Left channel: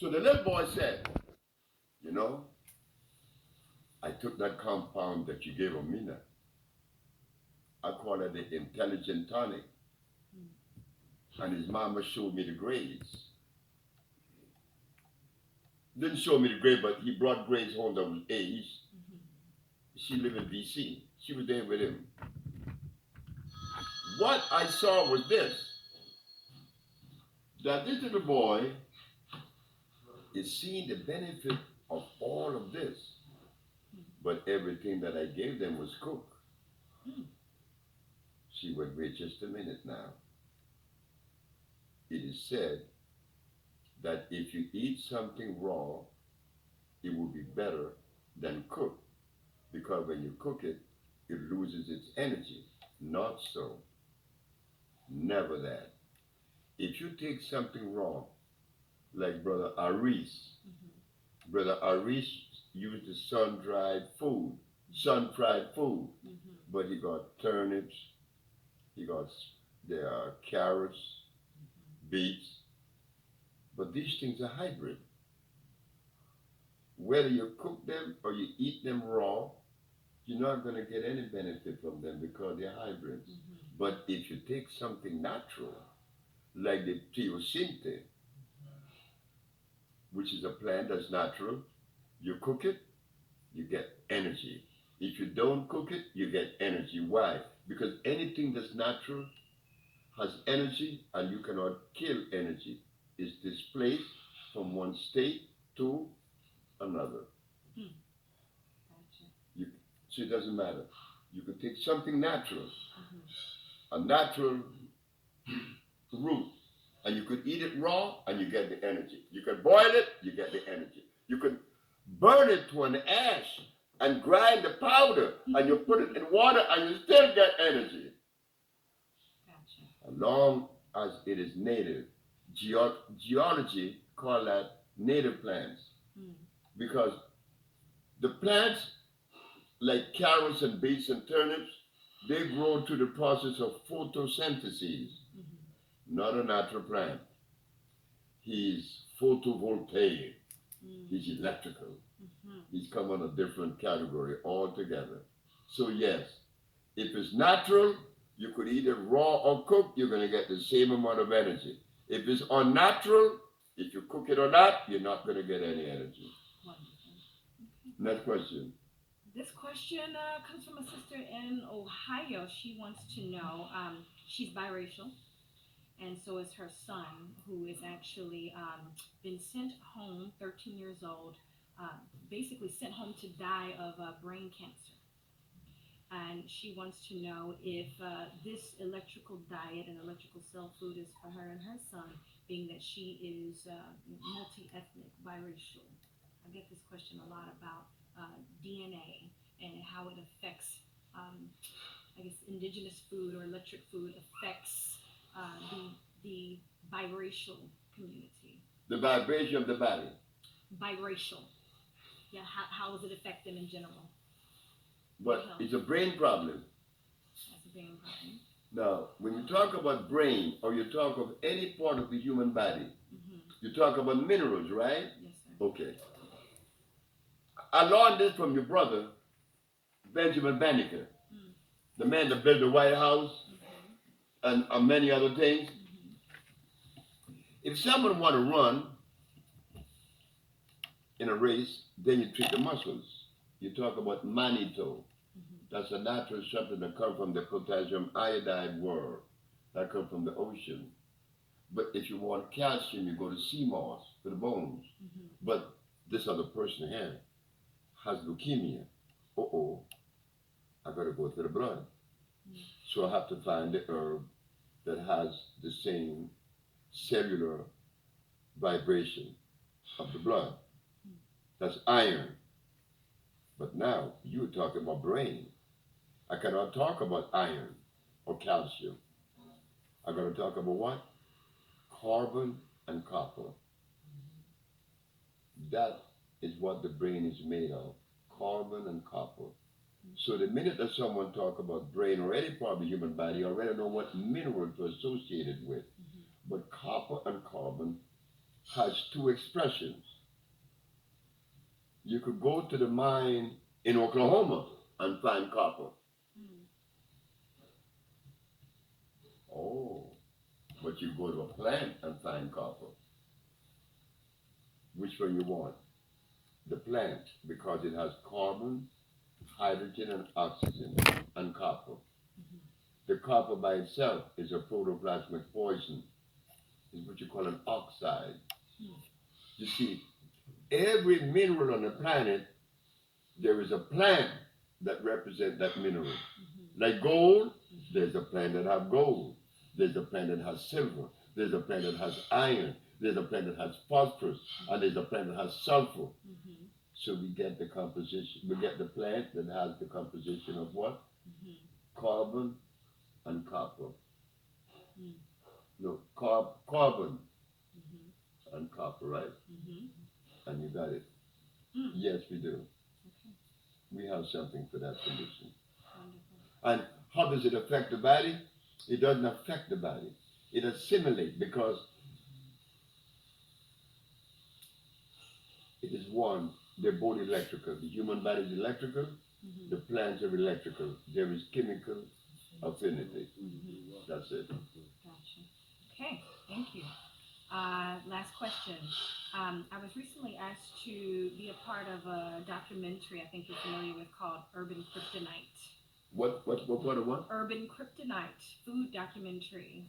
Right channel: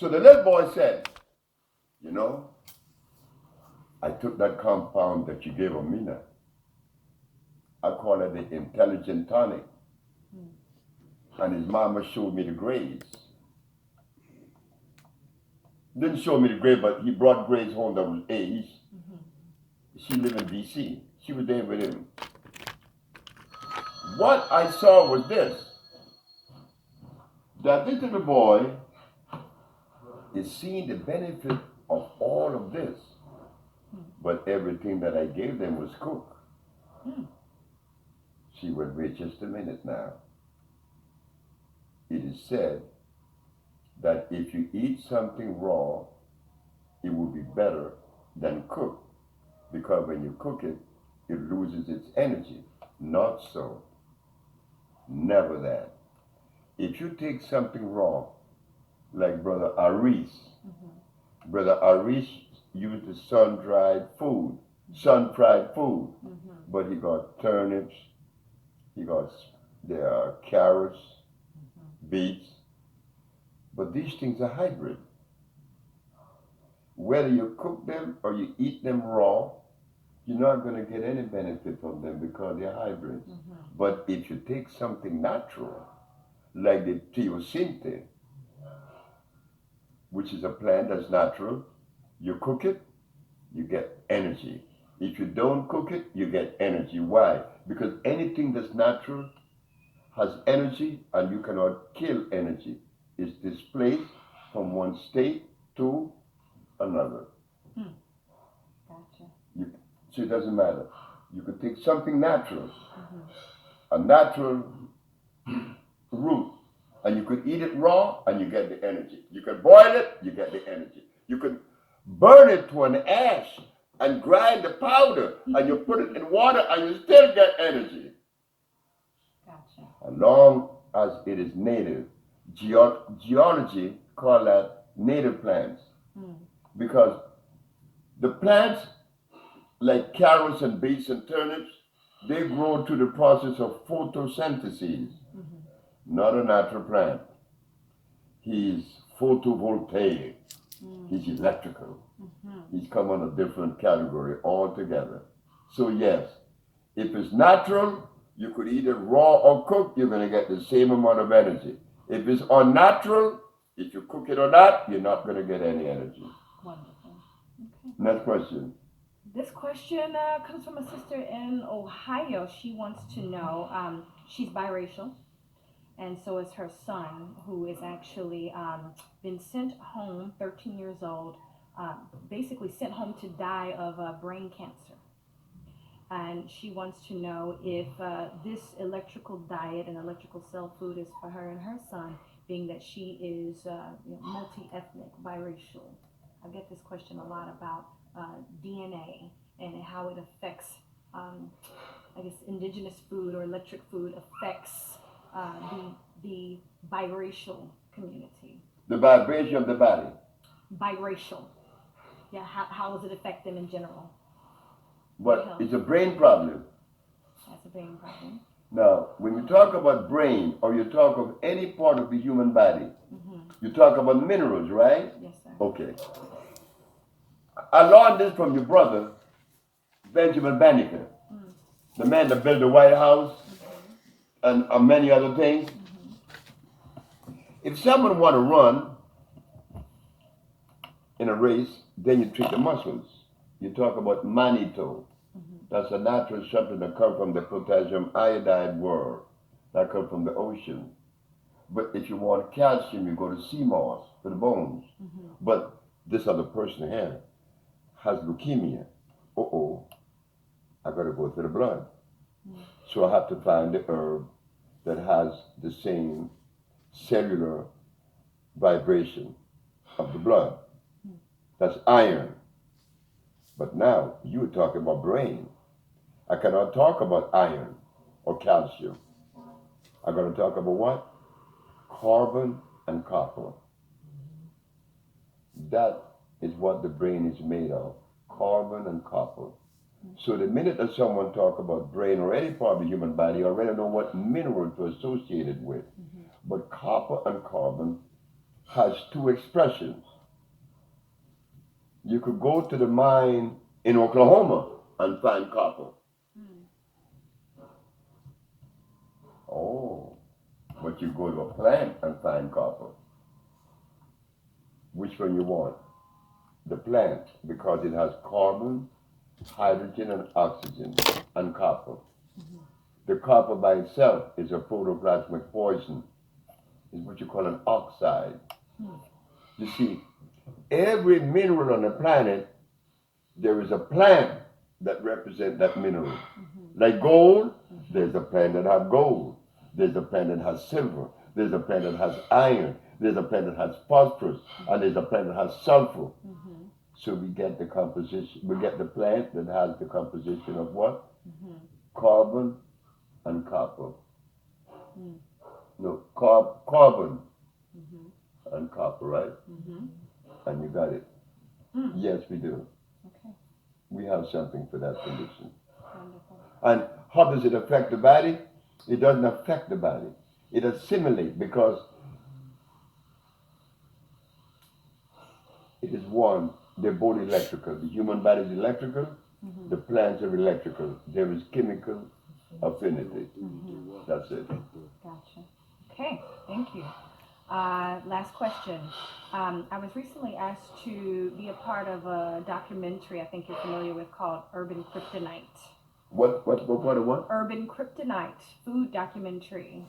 So the little boy said, you know, I took that compound that you gave Amina. I call it the intelligent tonic. And his mama showed me the grades. Didn't show me the grade, but he brought grades home that was A's. She lived in DC. She was there with him. What I saw was this, that this little boy is seeing the benefit of all of this, but everything that I gave them was cooked. She will wait just a minute now. It is said that if you eat something raw, it will be better than cooked, because when you cook it, it loses its energy. Not so. Never that. If you take something raw, like Brother Aris, Brother Aris used the sun-fried food, but he got turnips, he got carrots, beets, but these things are hybrid. Whether you cook them or you eat them raw, you're not going to get any benefit from them because they're hybrids. But if you take something natural, like the teosinte, which is a plant that's natural, you cook it, you get energy. If you don't cook it, you get energy. Why? Because anything that's natural has energy, and you cannot kill energy. It's displaced from one state to another. Gotcha. So it doesn't matter. You could take something natural, a natural root, and you could eat it raw and you get the energy. You could boil it, you get the energy. You could burn it to an ash and grind the powder and you put it in water and you still get energy. Gotcha. As long as it is native. Geology call that native plants. Because the plants like carrots and beets and turnips, they grow through the process of photosynthesis. Not a natural plant. He's photovoltaic. He's electrical. He's come on a different category altogether. So yes, if it's natural, you could eat it raw or cooked, you're going to get the same amount of energy. If it's unnatural, if you cook it or not, you're not going to get any energy. Wonderful. Okay. Next question. This question comes from a sister in Ohio. She wants to know, she's biracial, and so is her son, who is actually been sent home, 13 years old, basically sent home to die of brain cancer. And she wants to know if this electrical diet and electrical cell food is for her and her son, being that she is multi-ethnic, biracial. I get this question a lot about DNA and how it affects, I guess, indigenous food or electric food affects the biracial community. The vibration of the body. Biracial. Yeah, how does it affect them in general? But it's a brain problem. That's a brain problem. Now, when you talk about brain or you talk of any part of the human body, you talk about minerals, right? Yes, sir. Okay. I learned this from your brother, Benjamin Banneker, the man that built the White House and many other things. If someone want to run in a race, then you treat the muscles. You talk about mannitol. That's a natural something that comes from the potassium iodide world. That comes from the ocean. But if you want calcium, you go to sea moss for the bones. But this other person here has leukemia. I got to go to the blood. So I have to find the herb that has the same cellular vibration of the blood. That's iron. But now you're talking about brain. I cannot talk about iron or calcium. I'm going to talk about what? Carbon and copper. That is what the brain is made of, carbon and copper. So the minute that someone talk about brain or any part of the human body, you already know what mineral to associate it with. But copper and carbon has two expressions. You could go to the mine in Oklahoma and find copper. Mm. Oh, but you go to a plant and find copper. Which one you want? The plant, because it has carbon, hydrogen, and oxygen, and copper. Mm-hmm. The copper by itself is a protoplasmic poison. It's what you call an oxide. Mm. You see, every mineral on the planet, there is a plant that represents that mineral. Mm-hmm. Like gold, Mm-hmm. there's a plant that has gold. There's a plant that has silver. There's a plant that has iron. There's a plant that has phosphorus. And there's a plant that has sulfur. Mm-hmm. So we get the composition, we get the plant that has the composition of what? Mm-hmm. Carbon and copper. Mm. No, carbon Mm-hmm. and copper, right? Mm-hmm. And you got it. Mm. Yes, we do. Okay. We have something for that condition. Wonderful. And how does it affect the body? It doesn't affect the body. It assimilates because it is one. They're both electrical. The human body is electrical. Mm-hmm. The plants are electrical. There is chemical affinity. Mm-hmm. That's it. Gotcha. Okay, thank you. Last question. I was recently asked to be a part of a documentary I think you're familiar with called Urban Kryptonite. What part of what? Urban Kryptonite, food documentary.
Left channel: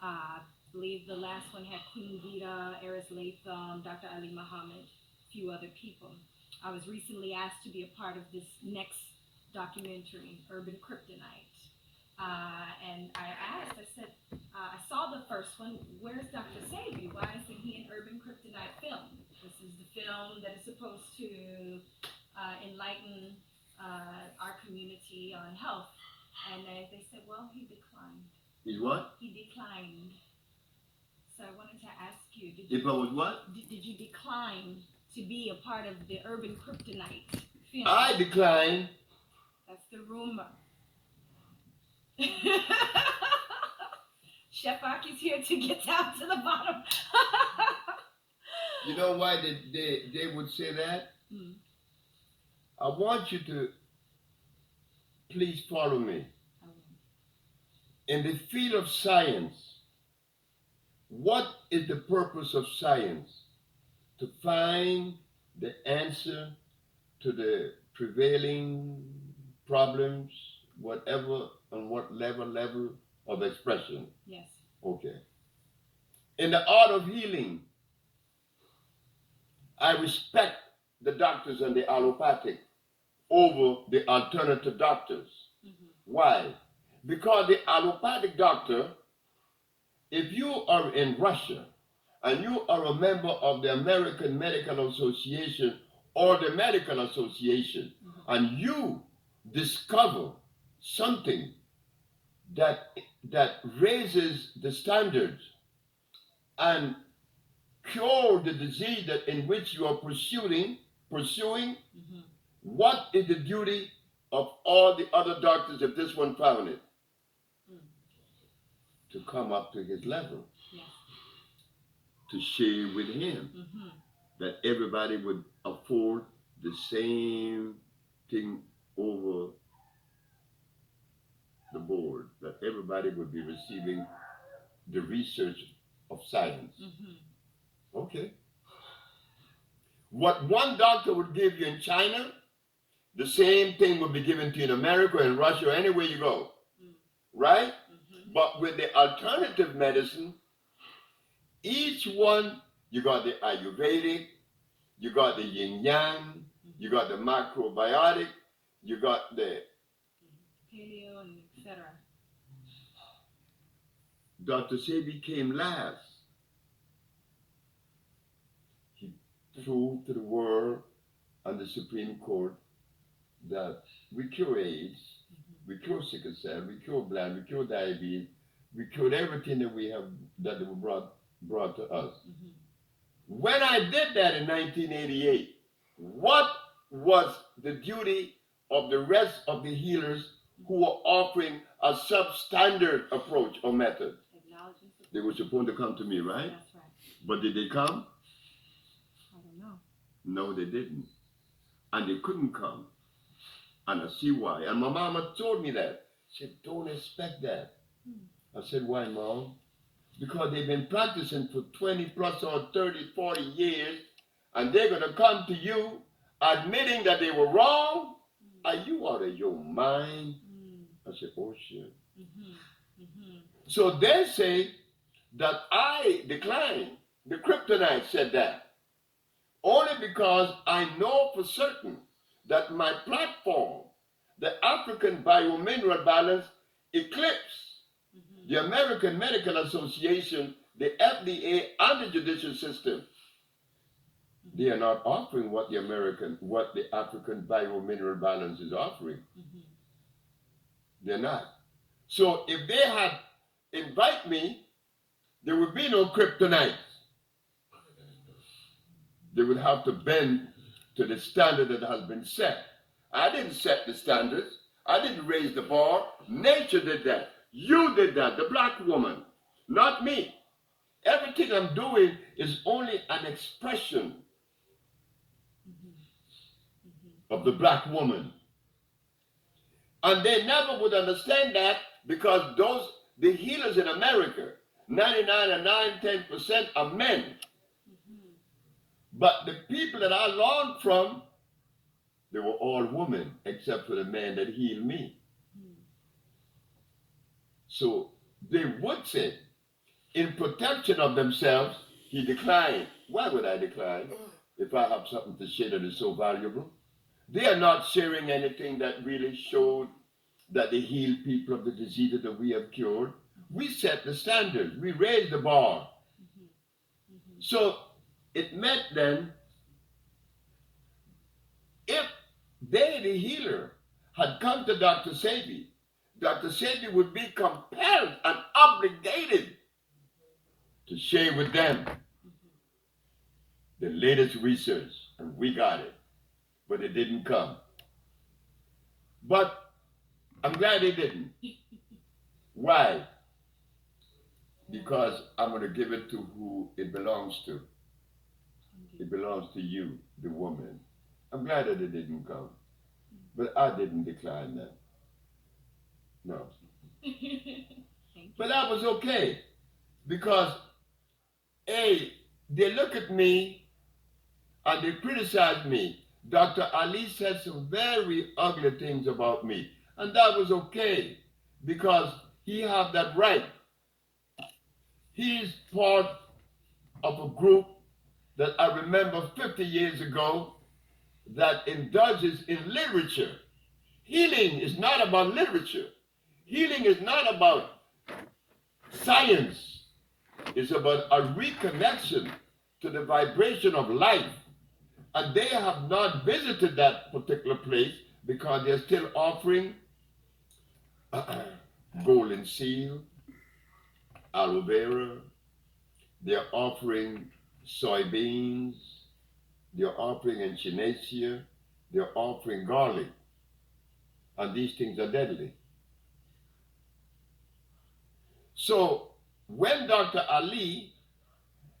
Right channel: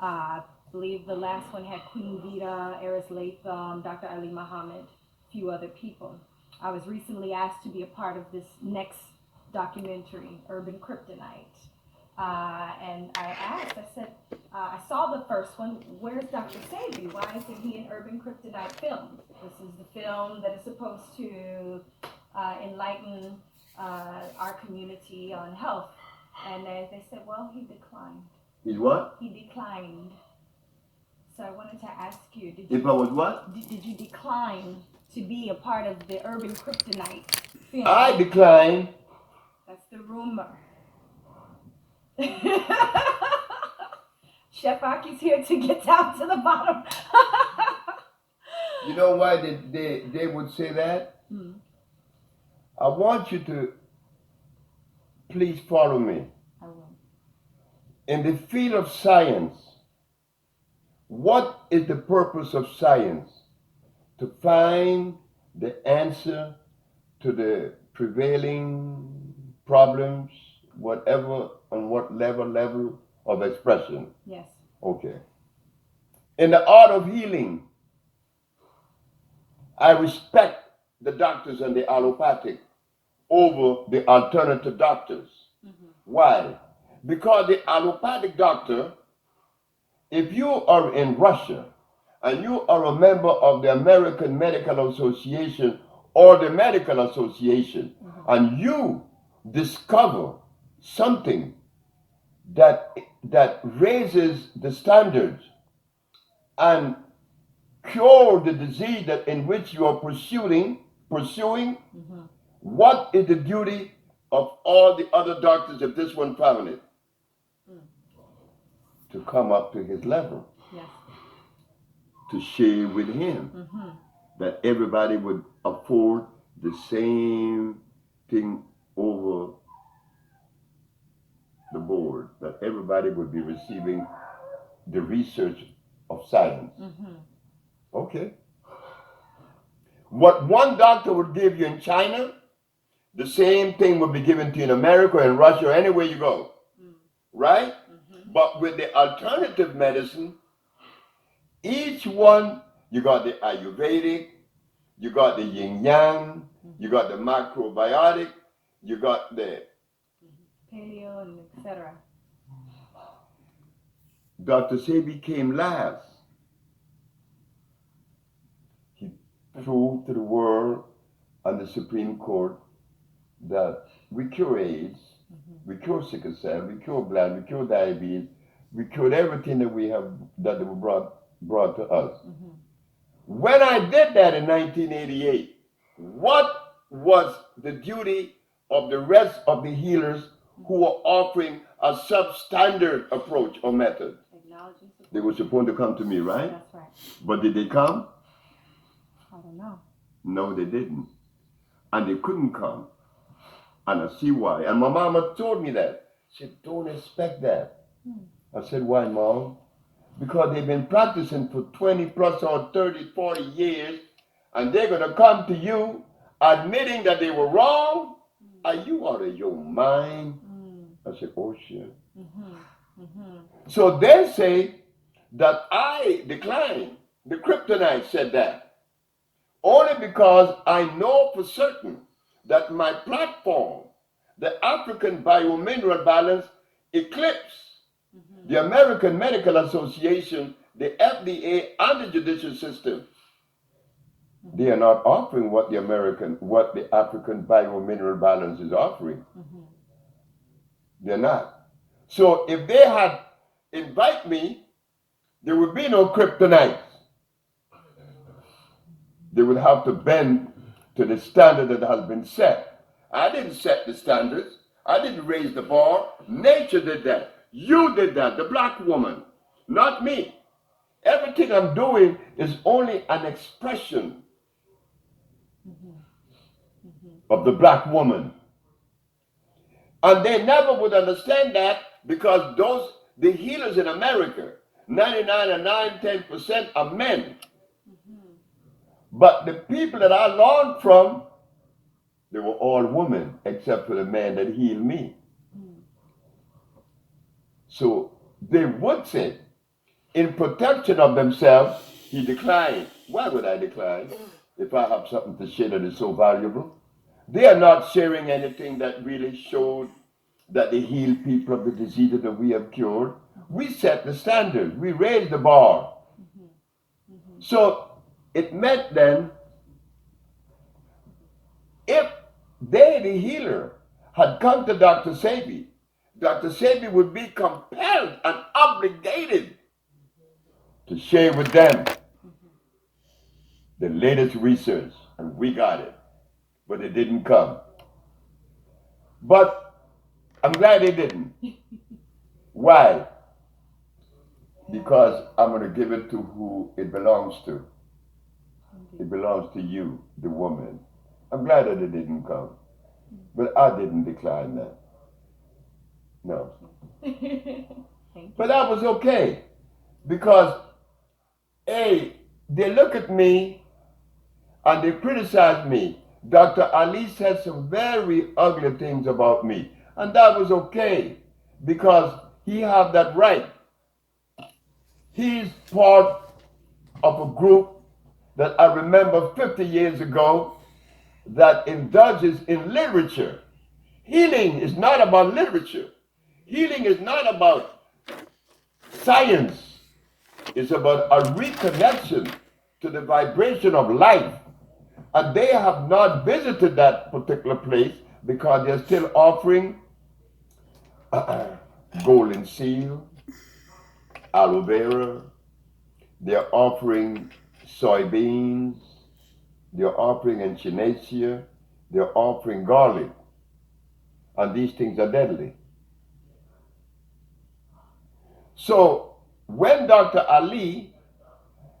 I believe the last one had Queen Vita, Eris Latham, Dr. Ali Muhammad, a few other people. I was recently asked to be a part of this next documentary, Urban Kryptonite. And I asked, I said, I saw the first one, where's Dr. Sabi? Why isn't he in Urban Kryptonite film? This is the film that is supposed to enlighten our community on health. And they said, well, he declined. Is what? He declined. So I wanted to ask you, If I was what? did you decline to be a part of the Urban Kryptonite film? I decline. That's the rumor. Chef Aki's here to get down to the bottom. You know why they would say that? Mm. I want you to please follow me. I will. In the field of science, what is the purpose of science? To find the answer to the prevailing problems, whatever, on what level of expression. Yes. Okay. In the art of healing, I respect the doctors and the allopathic over the alternative doctors. Mm-hmm. Why? Because the allopathic doctor, if you are in Russia and you are a member of the American Medical Association or the Medical Association, Mm-hmm. and you discover something that raises the standards and cure the disease that in which you are pursuing, Mm-hmm. what is the duty of all the other doctors if this one found it? Mm. To come up to his level, Yes. to share with him, Mm-hmm. that everybody would afford the same thing over the board, that everybody would be receiving the research of science. Mm-hmm. Okay. What one doctor would give you in China, the same thing would be given to you in America and Russia or anywhere you go. Mm. Right? Mm-hmm. But with the alternative medicine, each one, you got the Ayurvedic, you got the yin yang, you got the macrobiotic, you got the Paleo and etc. Dr. Sebi came last. He proved to the world and the Supreme Court that we cure AIDS, Mm-hmm. we cure sickle cell, we cure blood, we cure diabetes, we cured everything that we have that were brought to us. Mm-hmm. When I did that in 1988, what was the duty of the rest of the healers who were offering a substandard approach or method? They were supposed to come to me, right? That's right. But did they come? I don't know. No, they didn't. And they couldn't come. And I see why. And my mama told me that. She said, don't expect that. I said, why, Mom? Because they've been practicing for 20 plus or 30, 40 years, and they're going to come to you admitting that they were wrong. Are you out of your mind? I said, oh, shit. So they say that I declined. The kryptonite said that. Only because I know for certain that my platform, the African Biomineral Balance, eclipsed the American Medical Association, the FDA, and the judicial system. They are not offering what the African Biomineral Balance is offering. They're not. So if they had invited me, there would be no kryptonite. They would have to bend to the standard that has been set. I didn't set the standards. I didn't raise the bar. Nature did that. You did that, the black woman, not me. Everything I'm doing is only an expression of the black woman. And they never would understand that because the healers in America, 99 and 10% are men. But the people that I learned from, they were all women, except for the man that healed me. So they would say, in protection of themselves, he declined. Why would I decline if I have something to share that is so valuable? They are not sharing anything that really showed that they healed people of the diseases that we have cured. We set the standard. We raised the bar. So it meant then, if they, the healer, had come to Dr. Sebi, Dr. Sebi would be compelled and obligated to share with them the latest research, and we got it, but it didn't come. But I'm glad they didn't. Why? Because I'm going to give it to who it belongs to. It belongs to you, the woman. I'm glad that it didn't come, but I didn't decline that. No. But that was okay, because hey, they look at me and they criticize me. Dr. Ali said some very ugly things about me, and that was okay because he had that right. He's part of a group that I remember 50 years ago that indulges in literature. Healing is not about literature. Healing is not about science. It's about a reconnection to the vibration of life. And they have not visited that particular place because they're still offering golden seal, aloe vera. They're offering soybeans. They're offering echinacea. They're offering garlic. And these things are deadly. So when Dr. Ali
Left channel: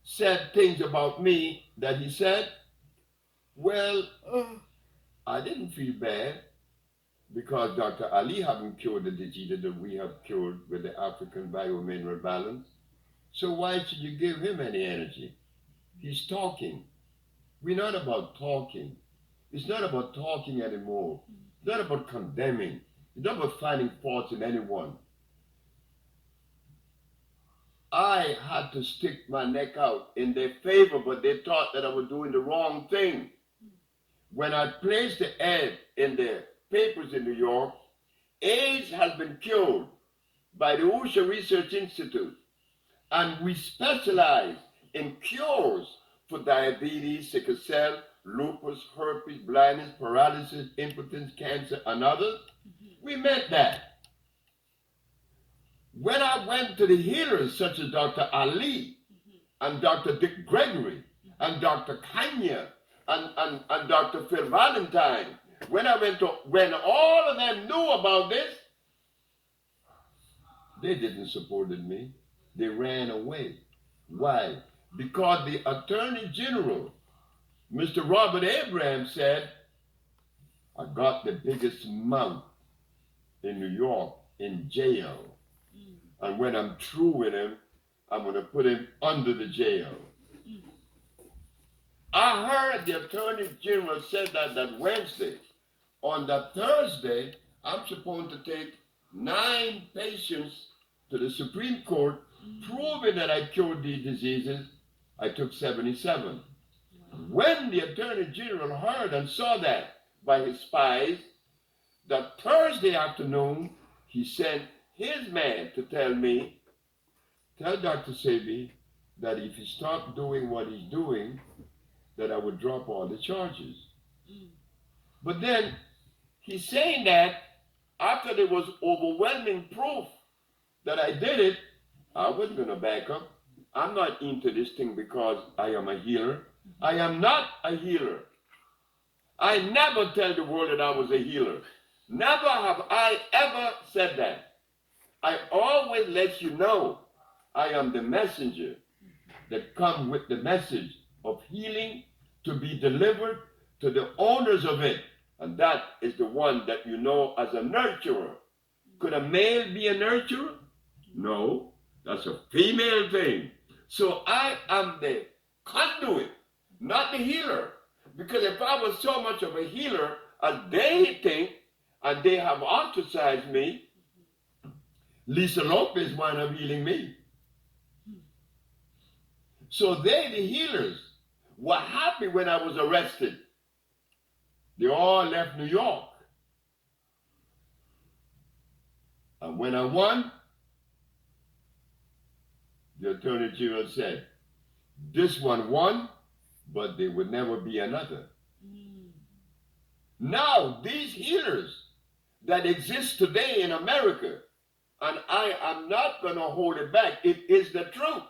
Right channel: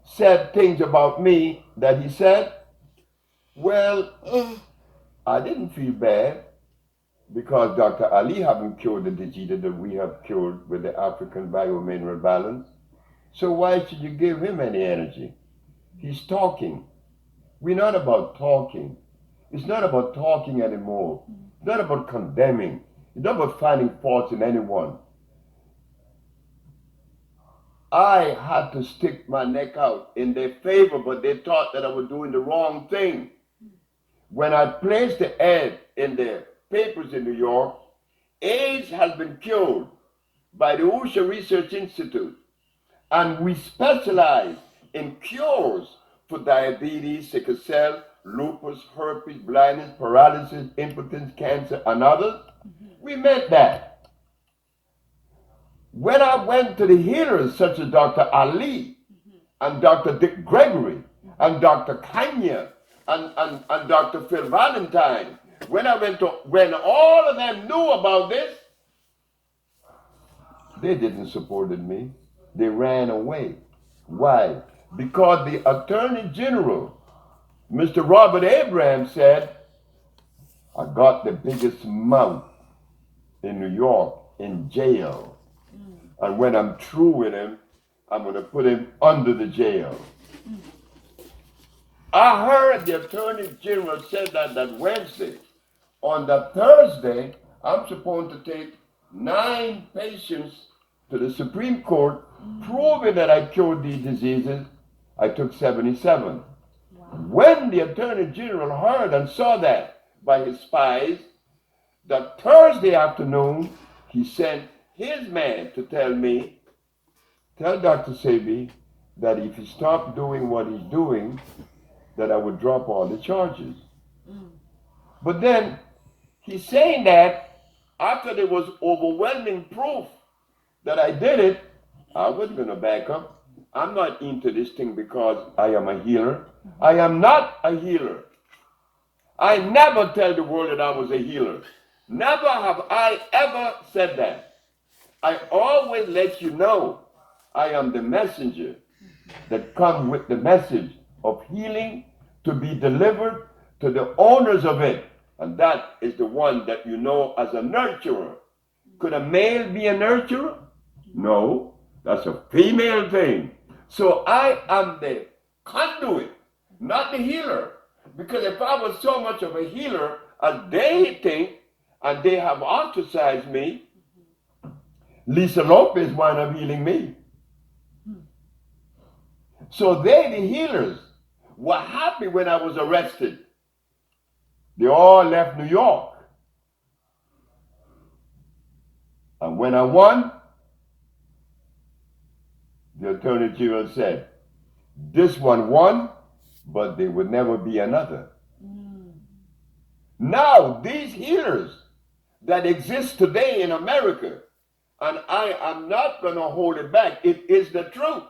said things about me that he said, well, I didn't feel bad because Dr. Ali haven't cured the disease that we have cured with the African Biomineral Balance. So why should you give him any energy? He's talking. We're not about talking. It's not about talking anymore. It's not about condemning. It's not about finding faults in anyone. I had to stick my neck out in their favor, but they thought that I was doing the wrong thing. When I placed the ad in the papers in New York, AIDS has been cured by the Usha Research Institute, and we specialize in cures for diabetes, sickle cell, lupus, herpes, blindness, paralysis, impotence, cancer, and others. We meant that. When I went to the healers such as Dr. Ali and Dr. Dick Gregory and Dr. Kanya and Dr. Phil Valentine, when all of them knew about this, they didn't support me. they ran away. Why? Because the Attorney General, Mr. Robert Abraham, said, I got the biggest mouth in New York in jail. And when I'm through with him, I'm going to put him under the jail. I heard the Attorney General said that Wednesday. On the Thursday, I'm supposed to take 9 patients to the Supreme Court, proving that I cured these diseases. I took 77. Wow. When the Attorney General heard and saw that by his spies, that Thursday afternoon, he sent his man to tell me, tell Dr. Sebi that if he stopped doing what he's doing, that I would drop all the charges. But then he's saying that after there was overwhelming proof that I did it, I wasn't going to back up. I'm not into this thing because I am a healer. I am not a healer. I never tell the world that I was a healer. Never have I ever said that. I always let you know I am the messenger that comes with the message of healing to be delivered to the owners of it. And that is the one that you know as a nurturer. Could a male be a nurturer? No, that's a female thing. So I am the conduit, not the healer. Because if I was so much of a healer as they think, and they have ostracized me, Lisa Lopez wound up healing me. So they, the healers, were happy when I was arrested. They all left New York. And when I won, the Attorney General said, this one won, but there would never be another. Now, these healers that exist today in America, and I am not going to hold it back, it is the truth.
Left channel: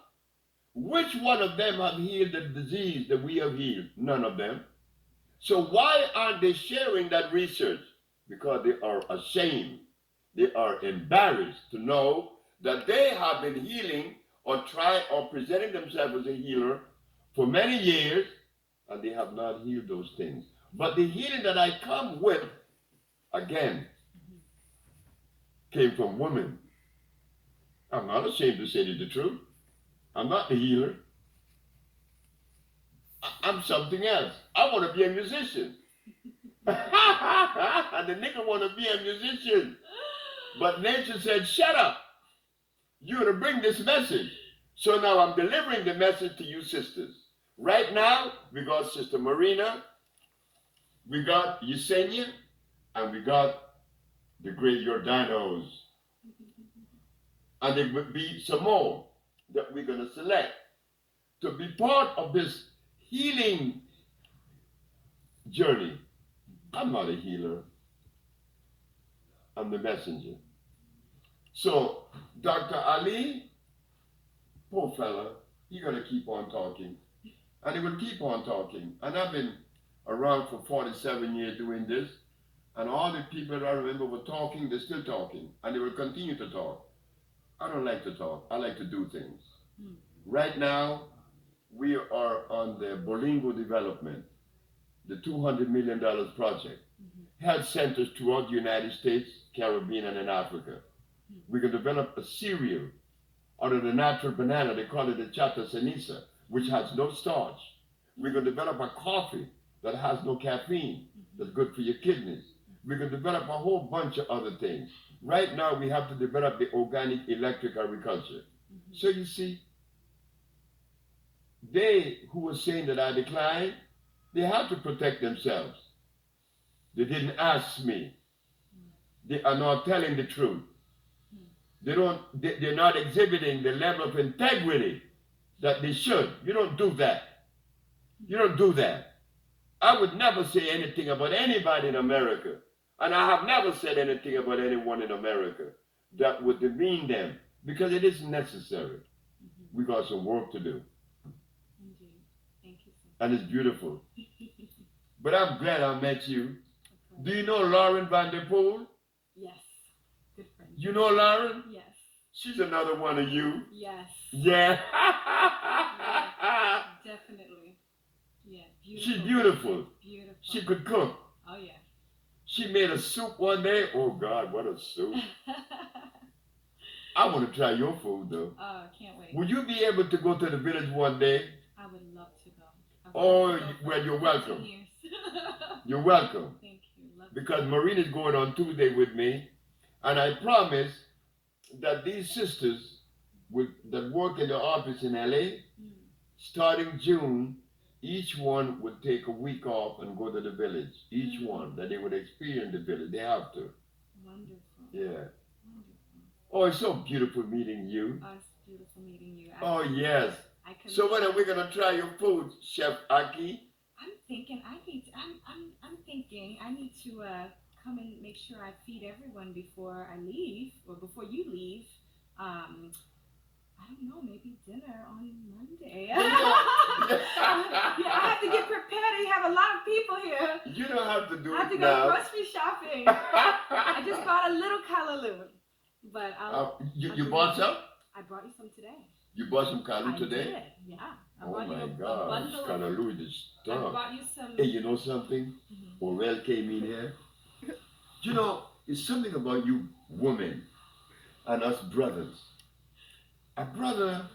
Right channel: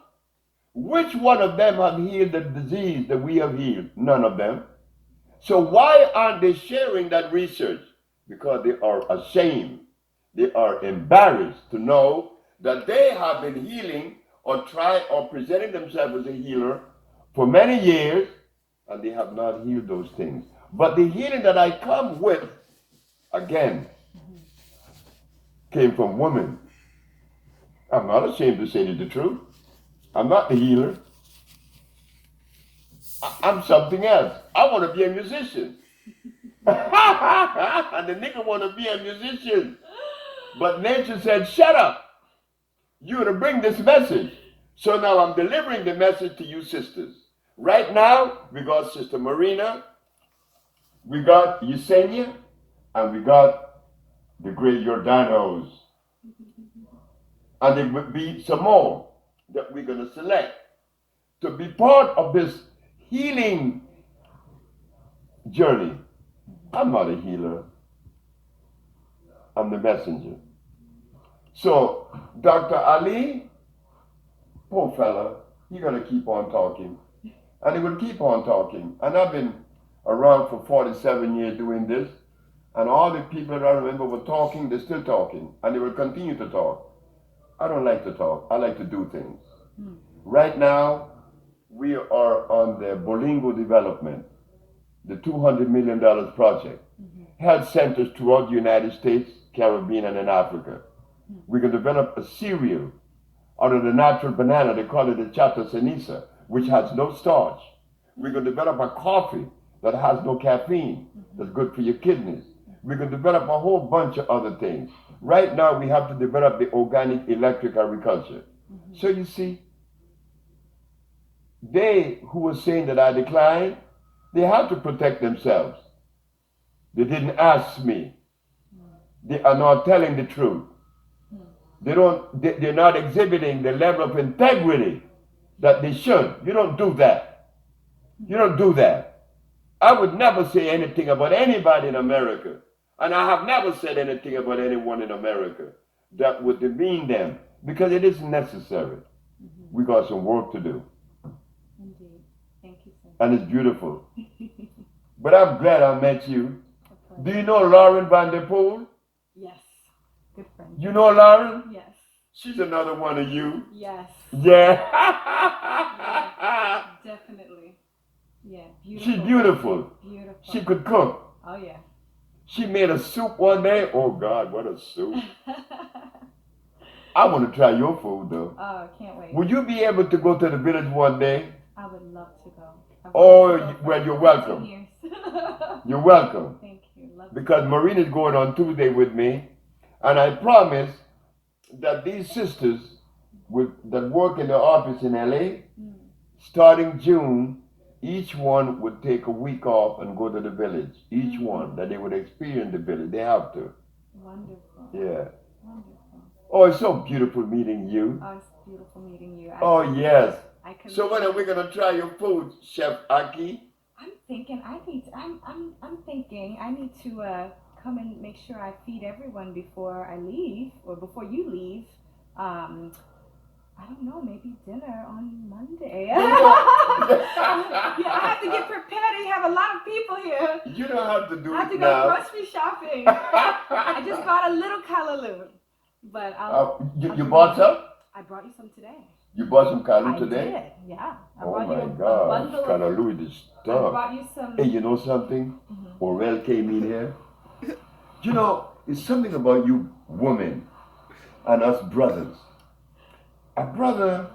Which one of them have healed the disease that we have healed? None of them. So why aren't they sharing that research? Because they are ashamed. They are embarrassed to know that they have been healing or presenting themselves as a healer for many years, and they have not healed those things. But the healing that I come with, again, came from women. I'm not ashamed to say the truth. I'm not the healer. I'm something else. I want to be a musician. And the nigga want to be a musician. But nature said, shut up. You're to bring this message. So now I'm delivering the message to you sisters. Right now, we got Sister Marina, we got Yesenia, and we got the great Jordanos. And there will be some more that we're going to select to be part of this healing journey. I'm not a healer. I'm the messenger. So, Dr. Ali, poor fella, he's going to keep on talking. And he will keep on talking. And I've been around for 47 years doing this. And all the people that I remember were talking, they're still talking. And they will continue to talk. I don't like to talk. I like to do things. Right now, we are on the Bolingo development, the $200 million project. Health centers throughout the United States, Caribbean, and in Africa. We can develop a cereal out of the natural banana. They call it the chata ceniza, which has no starch. We can develop a coffee that has no caffeine, that's good for your kidneys. We can develop a whole bunch of other things. Right now, we have to develop the organic electric agriculture. So you see, they who were saying that I declined, they have to protect themselves. They didn't ask me. They are not telling the truth. They're not exhibiting the level of integrity that they should. You don't do that. You don't do that. I would never say anything about anybody in America. And I have never said anything about anyone in America that would demean them, because it isn't necessary. We got some work to do. Indeed. Thank you, sir. And it's beautiful. But I'm glad I met you. Do you know Lauren Van Der Poel? Yes. Good friend. You know Lauren? Yes. She's another one of you. Yes. Yeah. Yes. Definitely. Yeah. She's Beautiful. beautiful. Beautiful. She could cook. Oh yeah. She made a soup one day. Oh God, what a soup. I want to try your food though. Oh, can't wait. Will you be able to go to the village one day? I would love to go. Oh, well, you're welcome. Years. You're welcome. Thank you. Love Because Maureen is going on Tuesday with me, and I promise that these sisters that work in the office in LA, starting June, each one would take a week off and go to the village. Each one, that they would experience the village. They have to. Wonderful. Yeah. Wonderful. Oh, it's so beautiful meeting you. Oh, it's beautiful meeting you. Oh, yes. I So when are we gonna try your food, Chef Aki? I'm thinking I'm thinking I need to come and make sure I feed everyone before I leave or before you leave. I don't know, maybe dinner on Monday. Yeah, I have to get prepared. You have a lot of people here. You don't have to do I have it to now. go grocery shopping. I just bought a little callaloo, but you bought some? I brought you some today. You bought some callaloo I today? did, yeah. I Oh brought my you a God, bundle of. callaloo is I stuff. brought you some. Hey, you know something? Orel came in here. You know, it's something about you women and us brothers. A brother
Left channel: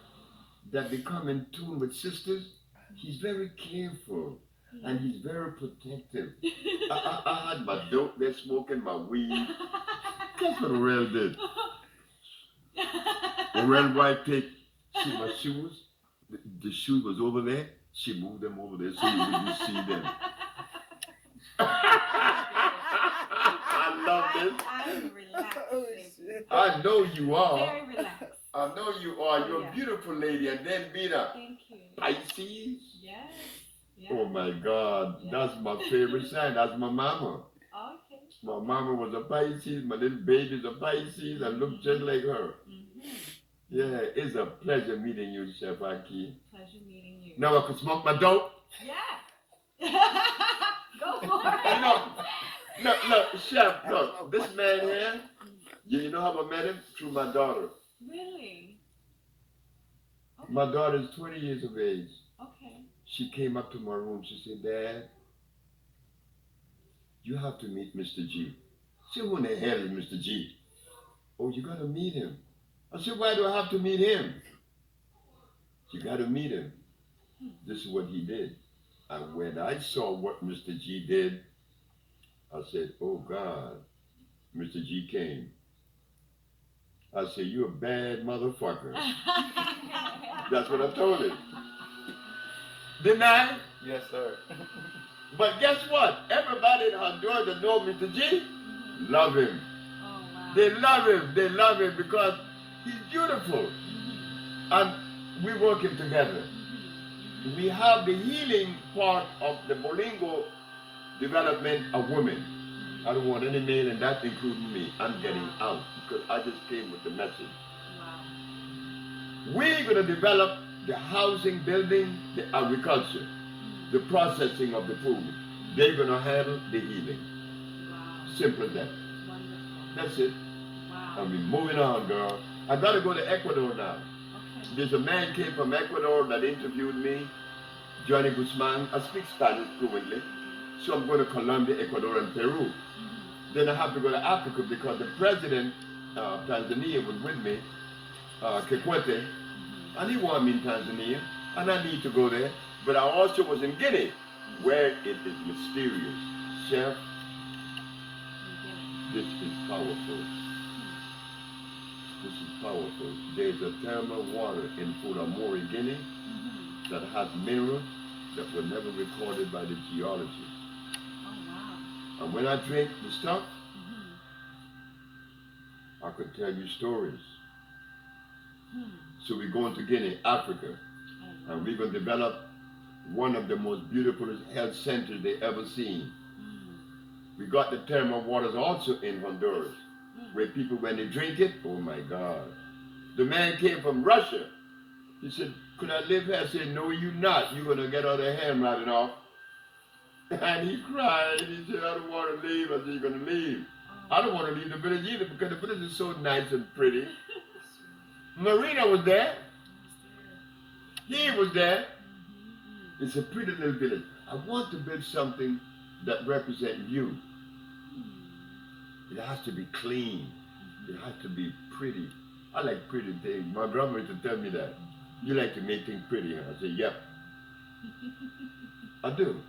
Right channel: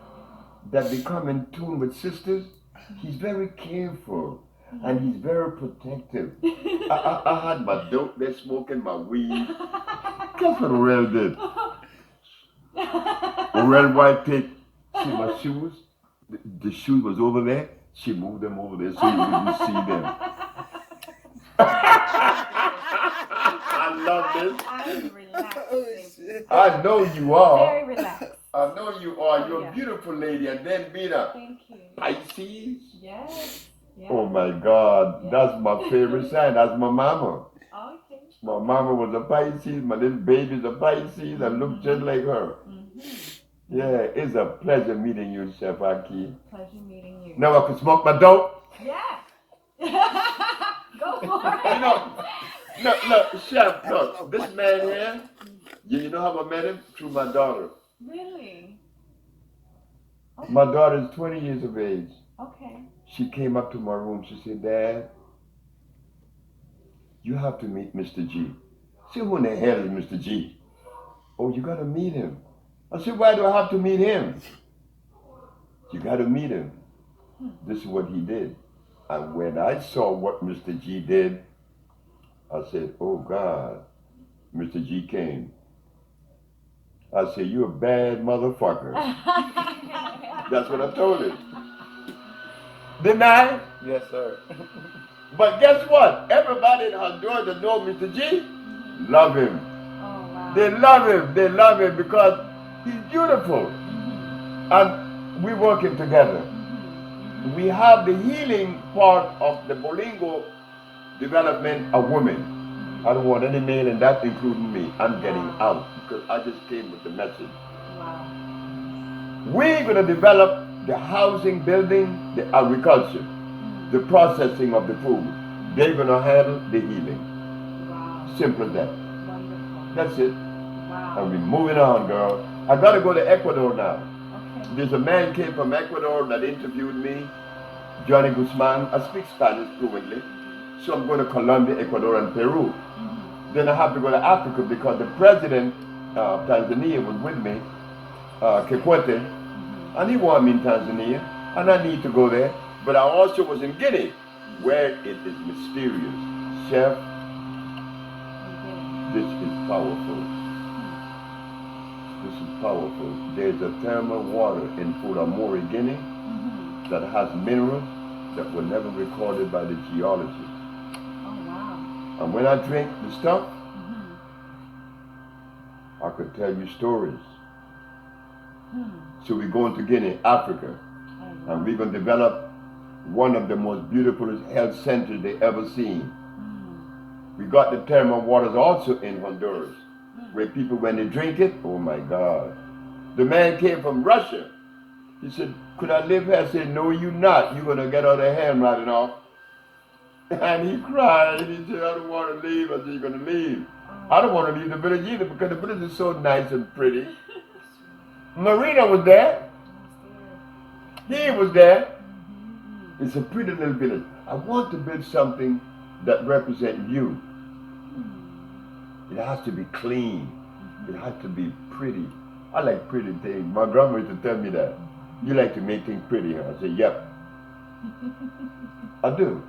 that become in tune with sisters, he's very careful and he's very protective. I had my dope there smoking my weed. Guess what Orel did? Orel White see my shoes? The shoes was over there. She moved them over there so you wouldn't see them. I love this. I'm relaxed. Oh, shit. I know you are. Very relaxed. I know you are. You're Yeah. a beautiful lady. And then being a Thank you. Pisces. Yes. Yeah. Oh my God. Yeah. That's my favorite sign. That's my mama. Okay. My mama was a Pisces. My little baby's a Pisces. I look just like her. Yeah, it's a pleasure meeting you, Chef Aki. Pleasure meeting you. Now I can smoke my dope. Yeah. Go for it. You know, look, Chef, look, this man here, you know how I met him? Through my daughter. Really? Okay. My daughter is 20 years of age. Okay. She came up to my room. She said, Dad, you have to meet Mr. G. I said, who in the hell is Mr. G? Oh, you got to meet him. I said, why do I have to meet him? You got to meet him. This is what he did. And when I saw what Mr. G did, I said, oh God, Mr. G came. I said, you a bad motherfucker. That's what I told him. Didn't I? Yes, sir. But guess what? Everybody in Honduras that know Mr. G love him. Oh, wow. They love him. They love him because he's beautiful. And we working together. We have the healing part of the Bolingo development of women. I don't want any male in that, including me. I'm getting out because I just came with the message. Wow. We're going to develop the housing, building, the agriculture, the processing of the food. They're going to handle the healing. Wow. Simple as that. Wonderful. That's it. Wow. And we're moving on, girl. I got to go to Ecuador now. Okay. There's a man came from Ecuador that interviewed me, Johnny Guzman. I speak Spanish fluently. So I'm going to Colombia, Ecuador, and Peru. Then I have to go to Africa because the president of Tanzania was with me, Kikwete, and he wanted me in Tanzania, and I need to go there. But I also was in Guinea, where it is mysterious. Chef, this is powerful. This is powerful. There's a thermal water in Furamori, Guinea, that has minerals that were never recorded by the geologists. Oh, wow. And when I drink the stuff, I could tell you stories. So we're going to Guinea, Africa, and we're going to develop one of the most beautiful health centers they ever seen. We got the thermal waters also in Honduras, where people, when they drink it, oh my God. The man came from Russia. He said, could I live here? I said, no, you not. You're going to get all the handwriting off. And he cried. He said, I don't want to leave. I said, you're going to leave. I don't want to leave the village either because the village is so nice and pretty. Marina was there. He was there. It's a pretty little village. I want to build something that represents you. It has to be clean. It has to be pretty. I like pretty things. My grandma used to tell me that. You like to make things pretty, huh? I say, yep, I do.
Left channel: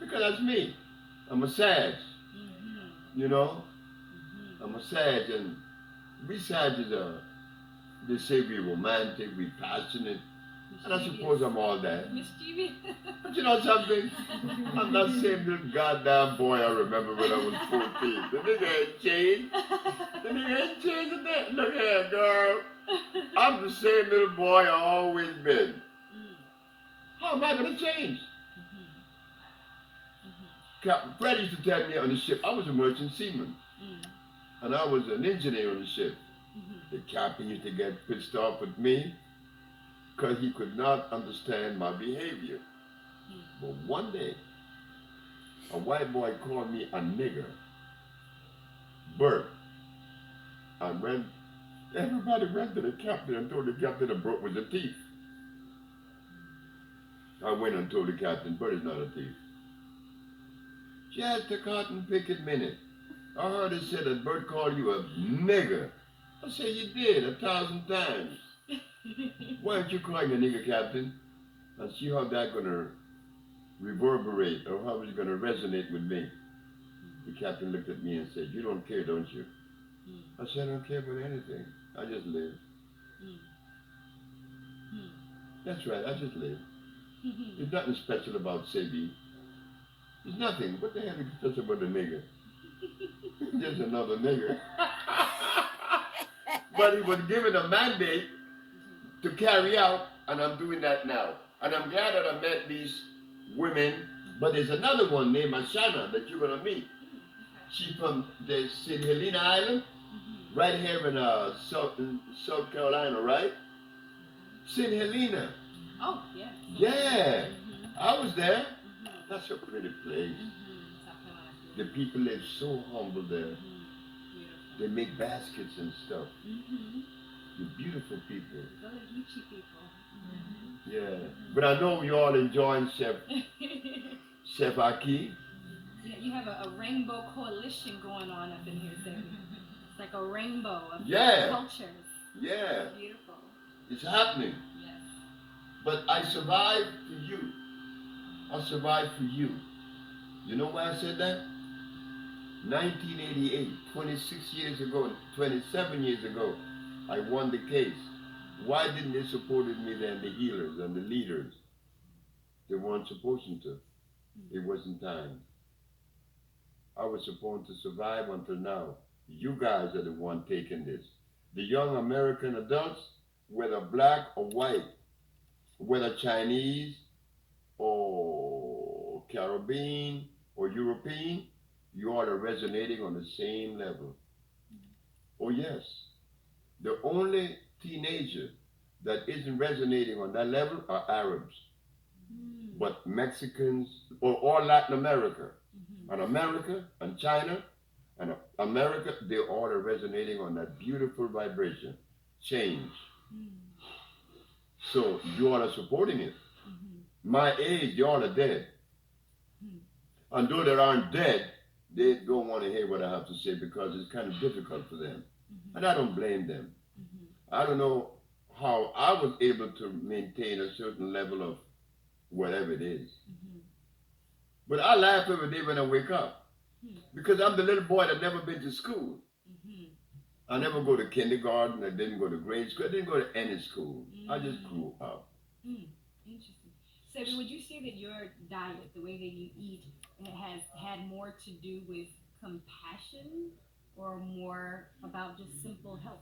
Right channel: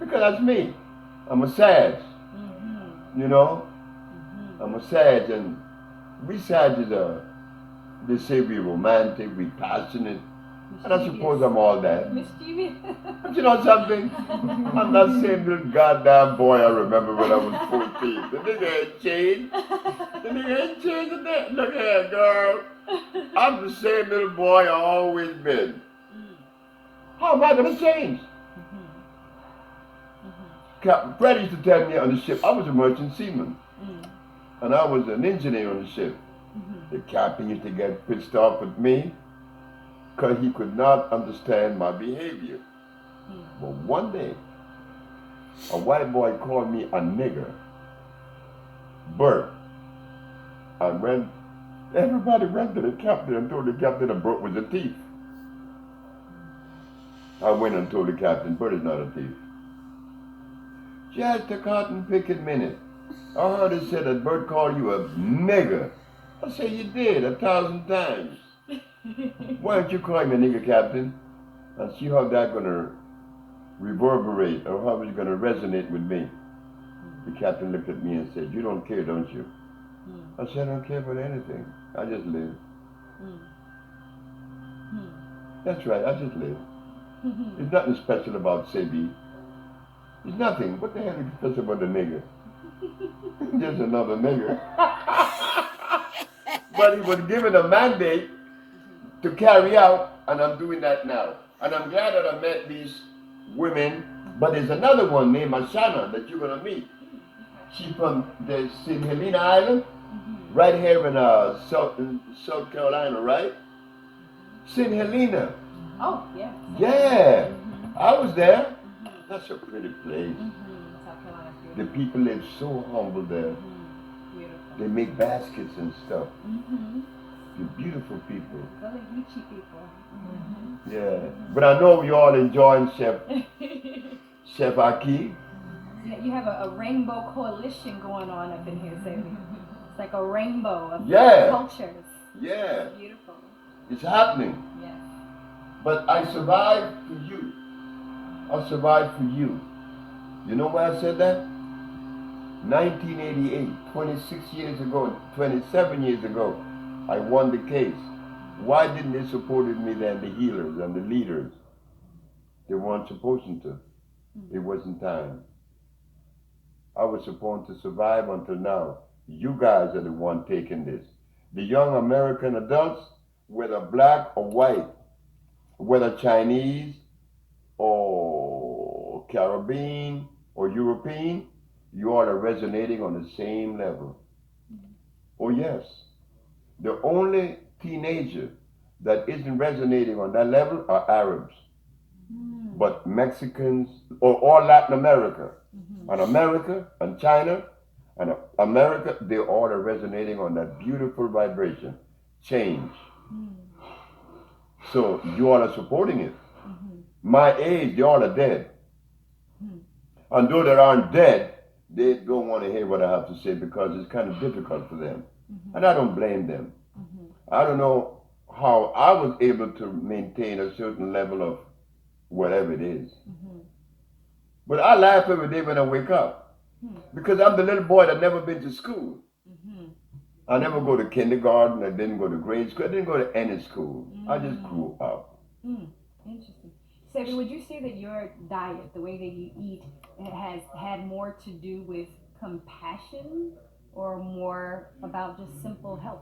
Because that's me. I'm a Sag. You know? I'm a Sag, and we Sages are, they say we romantic, we passionate, and I suppose I'm all that. Mischievous. But you know something? I'm that same little goddamn boy I remember when I was 14. The nigga ain't changed. The nigga ain't changed a bit. Look here, girl. I'm the same little boy I always been. How am I gonna change? Captain Fred used to tell me on the ship, I was a merchant seaman. And I was an engineer on the ship. The captain used to get pissed off with me because he could not understand my behavior. But one day, a white boy called me a nigger, Bert. And everybody ran to the captain and told the captain that Bert was a thief. I went and told the captain, Bert is not a thief. Just a cotton picking minute. I heard it said that Bert called you a nigger. I said, you did 1,000 times. Why don't you call me a nigger, Captain? And see how that's going to reverberate or how it's going to resonate with me. The captain looked at me and said, you don't care, don't you? I said, I don't care about anything. I just live. That's right, I just live. There's nothing special about Sebi. There's nothing. What the hell is special about a nigger? Just another nigger. But he was given a mandate to carry out, and I'm doing that now. And I'm glad that I met these women, but there's another one named Ashana that you're gonna meet. She's from the St. Helena Island, right here in South Carolina, right? St. Helena. Oh, yeah. Yeah, I was there. That's a pretty place. The people live so humble there. They make baskets and stuff. They're beautiful people. Really Gucci people. Yeah. But I know you all enjoying Chef Aki. Yeah, you have a rainbow coalition going on up in here, Sebi. It's like a rainbow of cultures. Yeah. It's beautiful. It's happening. Yes. But I survived for you. I survived for you. You know why I said that? 1988, 26 years ago, 27 years ago, I won the case. Why didn't they support me then, the healers and the leaders? They weren't supposed to. It wasn't time. I was supposed to survive until now. You guys are the one taking this. The young American adults, whether black or white, whether Chinese or Caribbean or European, you all are resonating on the same level. Oh yes. The only teenager that isn't resonating on that level are Arabs. But Mexicans, or all Latin America, and America, and China, and America, they all are resonating on that beautiful vibration. Change. So you all are supporting it. My age, you all are dead. And those that aren't dead, they don't want to hear what I have to say because it's kind of difficult for them. And I don't blame them. I don't know how I was able to maintain a certain level of whatever it is. But I laugh every day when I wake up because I'm the little boy that never been to school. I never go to kindergarten, I didn't go to grade school, I didn't go to any school. I just grew up. Interesting. Sebi, would you say that your diet, the way that you eat, has had more to do with compassion or more about just simple health?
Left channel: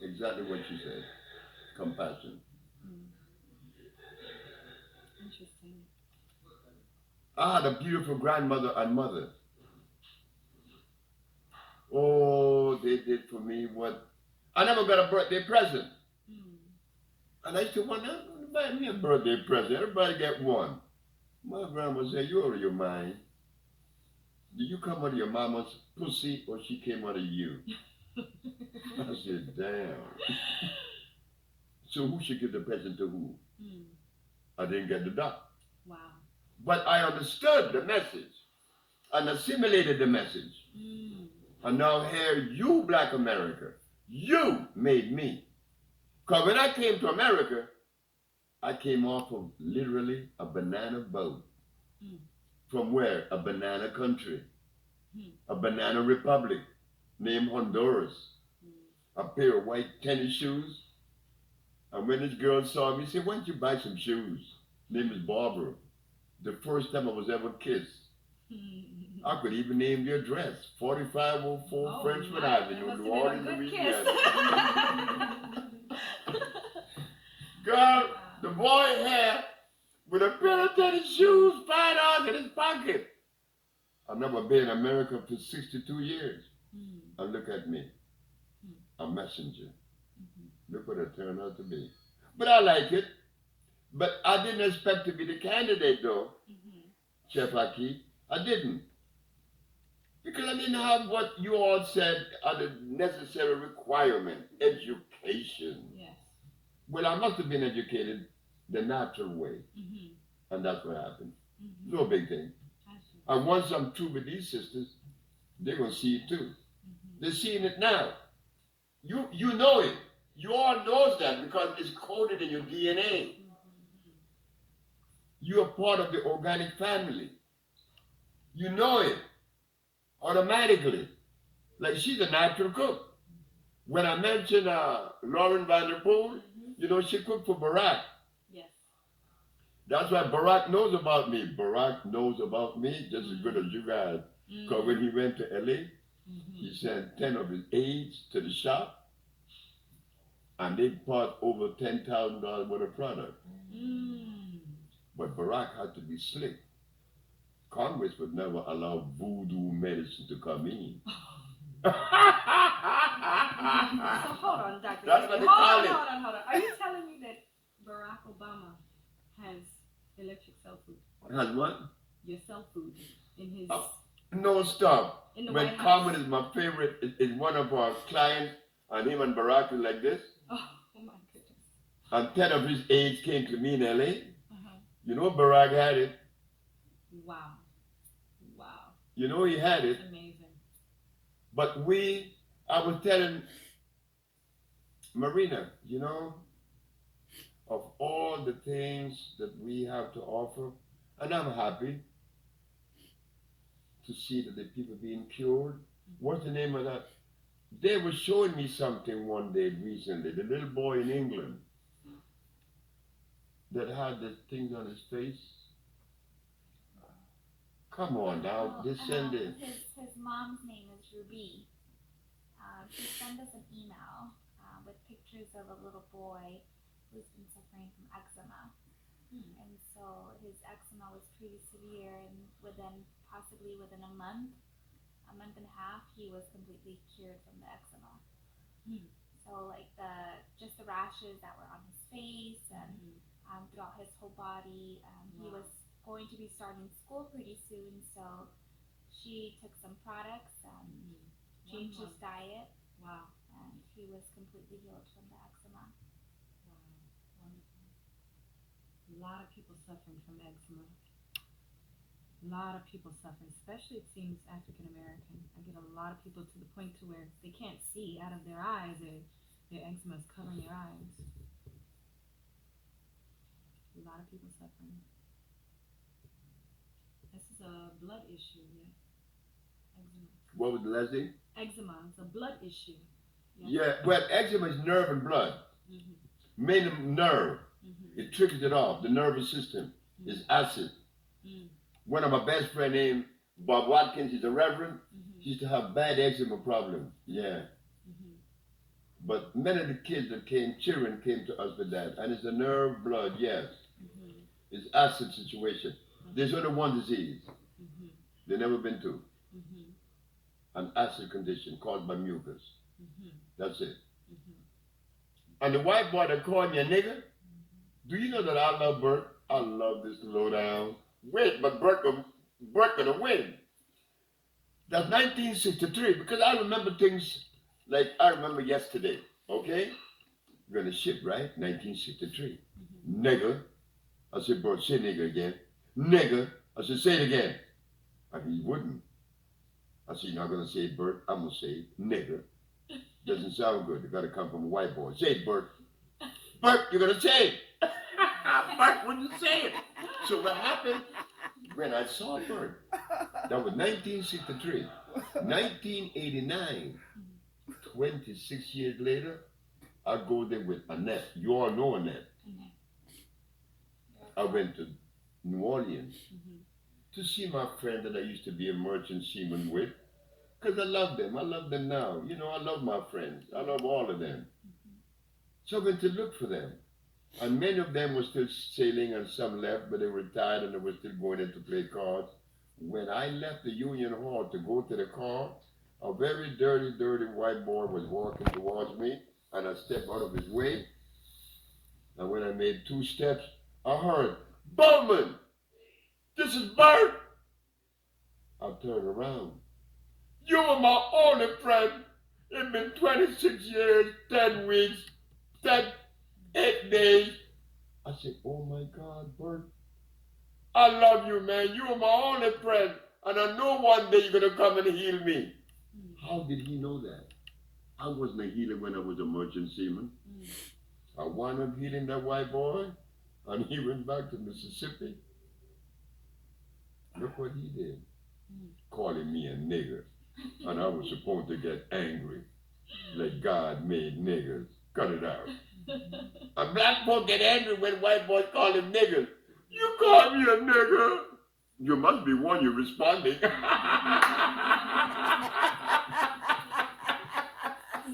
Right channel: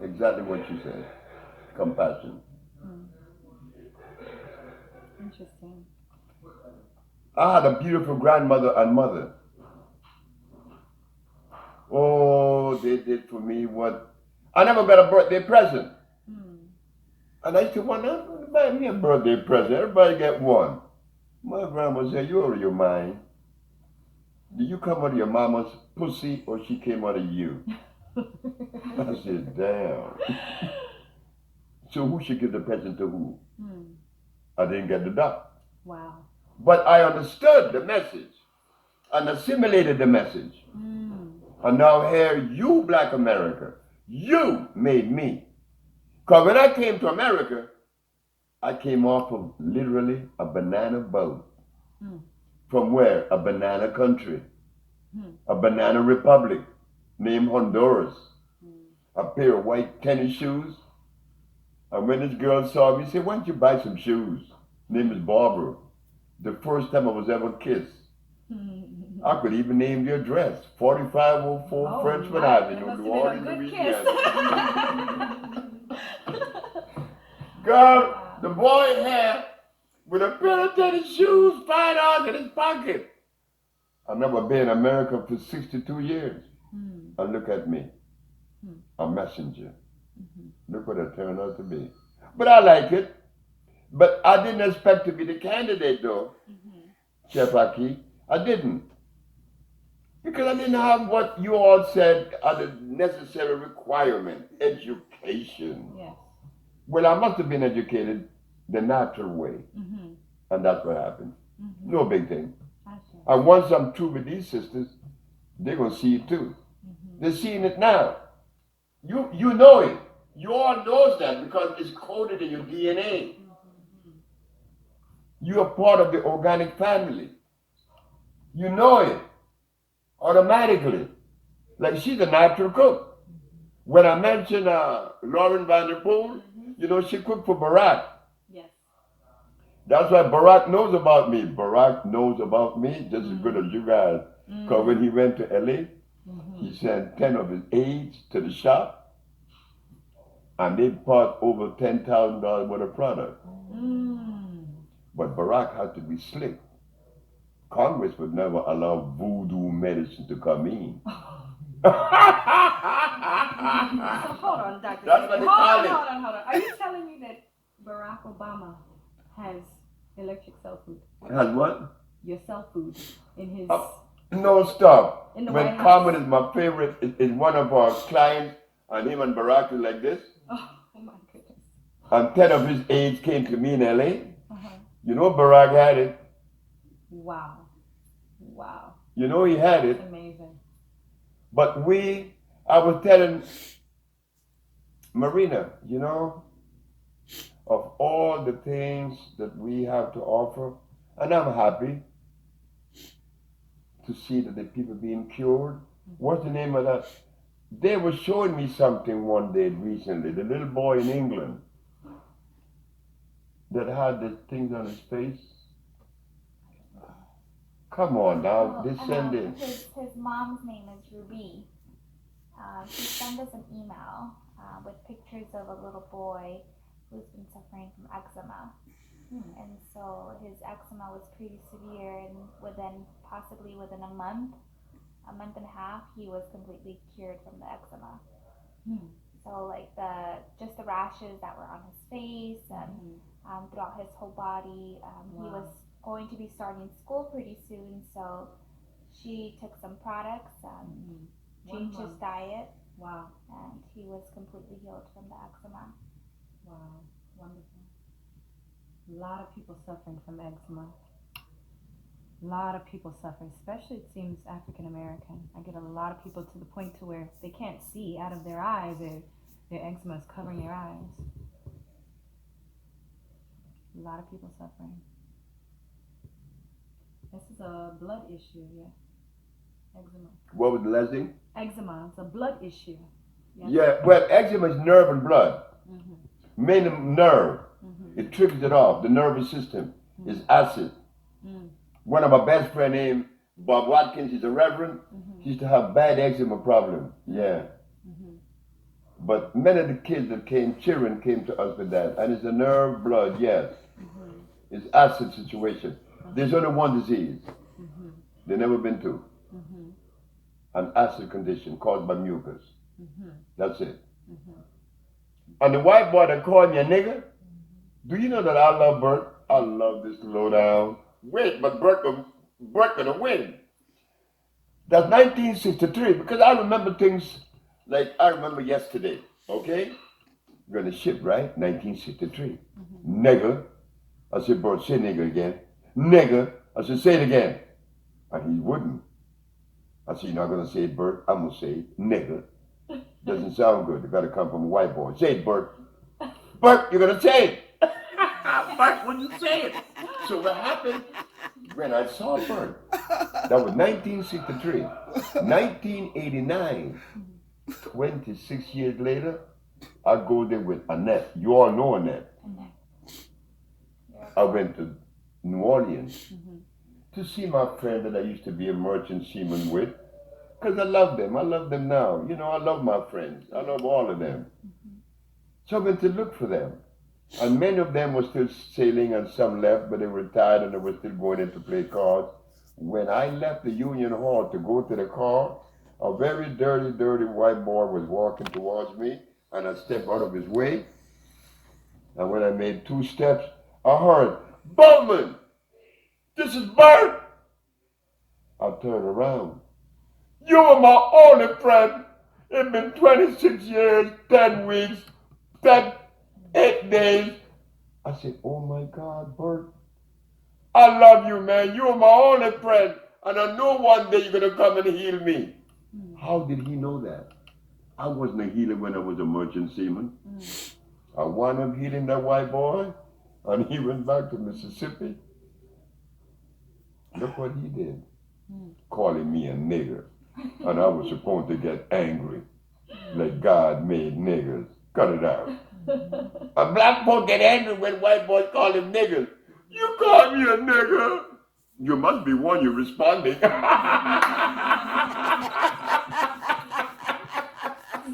Exactly what you said. Compassion. Interesting. I had a beautiful grandmother and mother. Oh, they did for me what I never got a birthday present. And I used to wonder, buy me a birthday present. Everybody get one. My grandma said, you out of your mind. Did you come out of your mama's pussy or she came out of you? I said, damn. So who should give the present to who? Mm. I didn't get the duck. Wow. But I understood the message and assimilated the message. Mm. And now here, you, Black America, you made me. Because when I came to America, I came off of literally a banana boat. Mm. From where? A banana country. Mm. A banana republic named Honduras. Mm. A pair of white tennis shoes. And when this girl saw me, she said, why don't you buy some shoes? Name is Barbara. The first time I was ever kissed. I could even name the address. 4504 Frenchman Avenue, New Orleans, Louisiana. Girl, the boy had with a pair of tennis shoes, $5 in his pocket. I've never been in America for 62 years. Mm. And look at me, Mm. a messenger. Mm-hmm. Look what I turned out to be. But I like it. But I didn't expect to be the candidate though, Chef Aki. I didn't. Because I didn't have what you all said are the necessary requirement, education. Yes. Well, I must have been educated the natural way. Mm-hmm. And that's what happened. Mm-hmm. No big thing. I see. And once I'm through with these sisters, they're going to see it too. Mm-hmm. They're seeing it now. You know it. You all knows that because it's coded in your DNA. Mm-hmm. You are part of the organic family. You know it automatically. Like she's a natural cook. When I mentioned Lauren Vanderpool, you know, she cooked for Barack. Yes. That's why Barack knows about me. Barack knows about me just as good as you guys. Because when he went to LA, he sent 10 of his aides to the shop and they bought over $10,000 worth of product. But Barack had to be slick. Congress would never allow voodoo medicine to come in. So hold on, Dr. That's what they call it. Hold on. Are you telling me that Barack Obama has electric cell food? Has what? Your cell food in his... No, stop. In the When White House. Carmen is my favorite, is one of our clients, and him and Barack is like this. Oh my goodness. And 10 of his aides came to me in LA. Uh-huh. You know Barack had it. Wow. You know he had it. That's amazing. But I was telling Marina, you know, of all the things that we have to offer, and I'm happy to see that the people being cured. What's the name of that? They were showing me something one day recently, the little boy in England that had the things on his face. Come on now, they send it. His mom's name is Ruby. She sent us an email with pictures of a little boy who's been suffering from eczema. And so his eczema was pretty severe, and possibly within a month and a half, he was completely cured from the eczema. So like just the rashes that were on his face and throughout his whole body. He was going to be starting school pretty soon, so she took some products and changed his diet. Wow. And he was completely healed from the eczema. Wow. Wonderful. A lot of people suffering from eczema. A lot of people suffer, especially it seems African American. I get a lot of people to the point to where they can't see out of their eyes. Their eczema is covering their eyes. A lot of people suffering. This is a blood issue, yeah. Eczema. What was the last thing? Eczema, it's a blood issue. Yeah, well, eczema is nerve and blood. Mainly nerve. It triggers it off. The nervous system is acid. One of my best friend named Bob Watkins, he's a reverend. He used to have bad eczema problem. Yeah. But many of the kids that children came to us with that. And it's a nerve, blood, yes. It's acid situation. There's only one disease. There's never been two. An acid condition caused by mucus. That's it. And the white boy that called me a nigger, do you know that I love Bert? I love this lowdown. Wait, but Bert gonna win. That's 1963, because I remember things like I remember yesterday, okay? We're gonna ship, right? 1963. Mm-hmm. Nigger. I said, Bert, say nigger again. Nigger. I said, say it again. And he wouldn't. I said, you're not gonna say it, Bert. I'm gonna say it. Nigger. Doesn't sound good. It gotta come from a white boy. Say it, Bert. Bert, you're gonna say it. Bert, when you say it. So what happened when I saw Bert? That was 1963. 1989. 26 years later, I go there with Annette. You all know Annette. I went to New Orleans to see my friend that I used to be a merchant seaman with. Because I love them. I love them now. You know, I love my friends. I love all of them. So I went to look for them. And many of them were still sailing and some left, but they were retired and they were still going in to play cards. When I left the Union Hall to go to the car, a very dirty, dirty white boy was walking towards me, and I stepped out of his way. And when I made 2 steps, I heard, Bowman, this is Bert. I turned around. You were my only friend. It's been 26 years, 10 weeks, 10, 8 days. I said, oh my God, Bert, I love you, man. You are my only friend. And I know one day you're going to come and heal me. How did he know that? I wasn't a healer when I was a merchant seaman. I wound up healing that white boy, and he went back to Mississippi. Look what he did. Calling me a nigger. And I was supposed to get angry. Like God made niggers. Cut it out. A black boy get angry when white boys call him niggers. You call me a nigger? You must be one you're responding.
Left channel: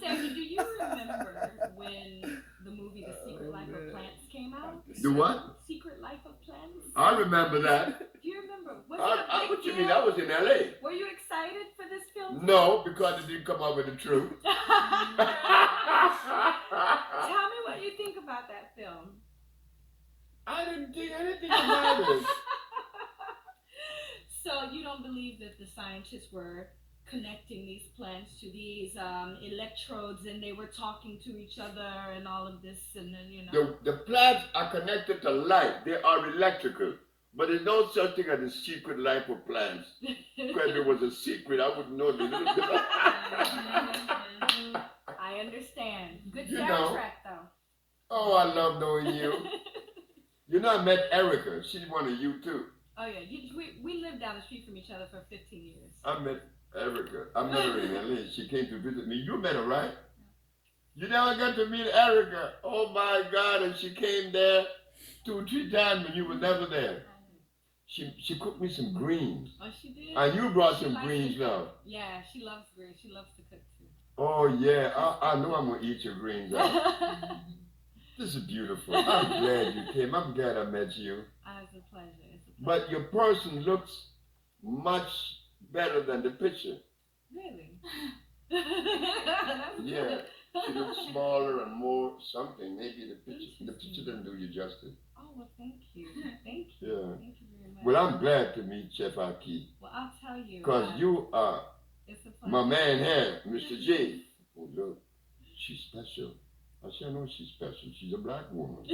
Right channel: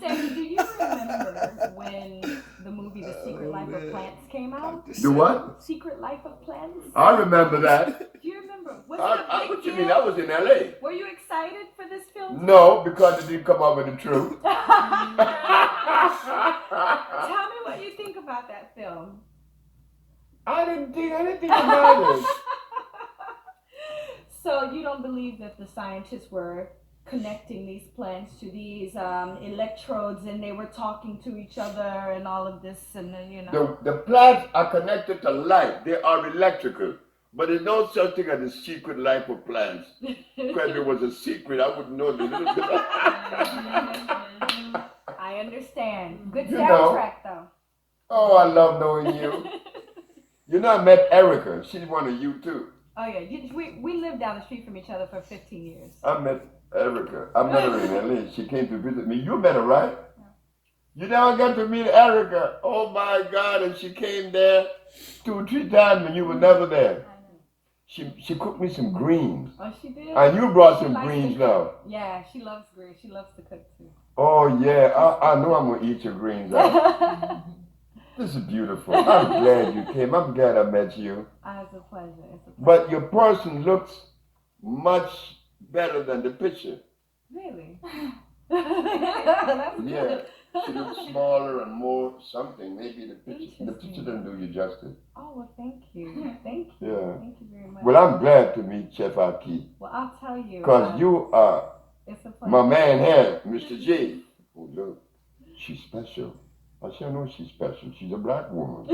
Sammy, do you remember when the movie The Secret Life of Plants came out? The what? Secret Life of Plants? I remember that. Do you remember? Was it a big What you deal? mean? I was in LA. Were you excited for this film? No, because it didn't come out with the truth. Tell me what you think about that film. I didn't think anything about it. So you don't believe that the scientists were connecting these plants to these electrodes and they were talking to each other and all of this and then, you know. The plants are connected to light. They are electrical. But there's no such thing as a secret life of plants. Because if it was a secret, I wouldn't know. I understand. Good You soundtrack know. though. Oh, I love knowing you. You know, I met Erica. She's one of you too. Oh yeah, we lived down the street from each other for 15 years. I met Erica. I met her in LA. She came to visit me. You met her, right? Yeah. You never got to meet Erica. Oh my God! And she came there 2 or 3 times when you were never there. She cooked me some greens. Oh, she did. And you brought some likes greens to cook. now. Yeah, she loves greens. She loves to cook too. Oh yeah, I know I'm gonna eat your greens out. This is beautiful. I'm glad you came. I'm glad I met you. It's a pleasure. It's a pleasure. But your person looks much better than the picture. Really? That's Yeah. good. She looks smaller and more something. Maybe the picture doesn't do you justice. Oh, well, thank you. Thank you. Yeah. Thank you very much. Well, I'm glad to meet Chef Aki. Well, I'll tell you. Because you are It's a pleasure. my man here, Mr. J. Oh, look, she's special. I said, I know she's special. She's a black woman.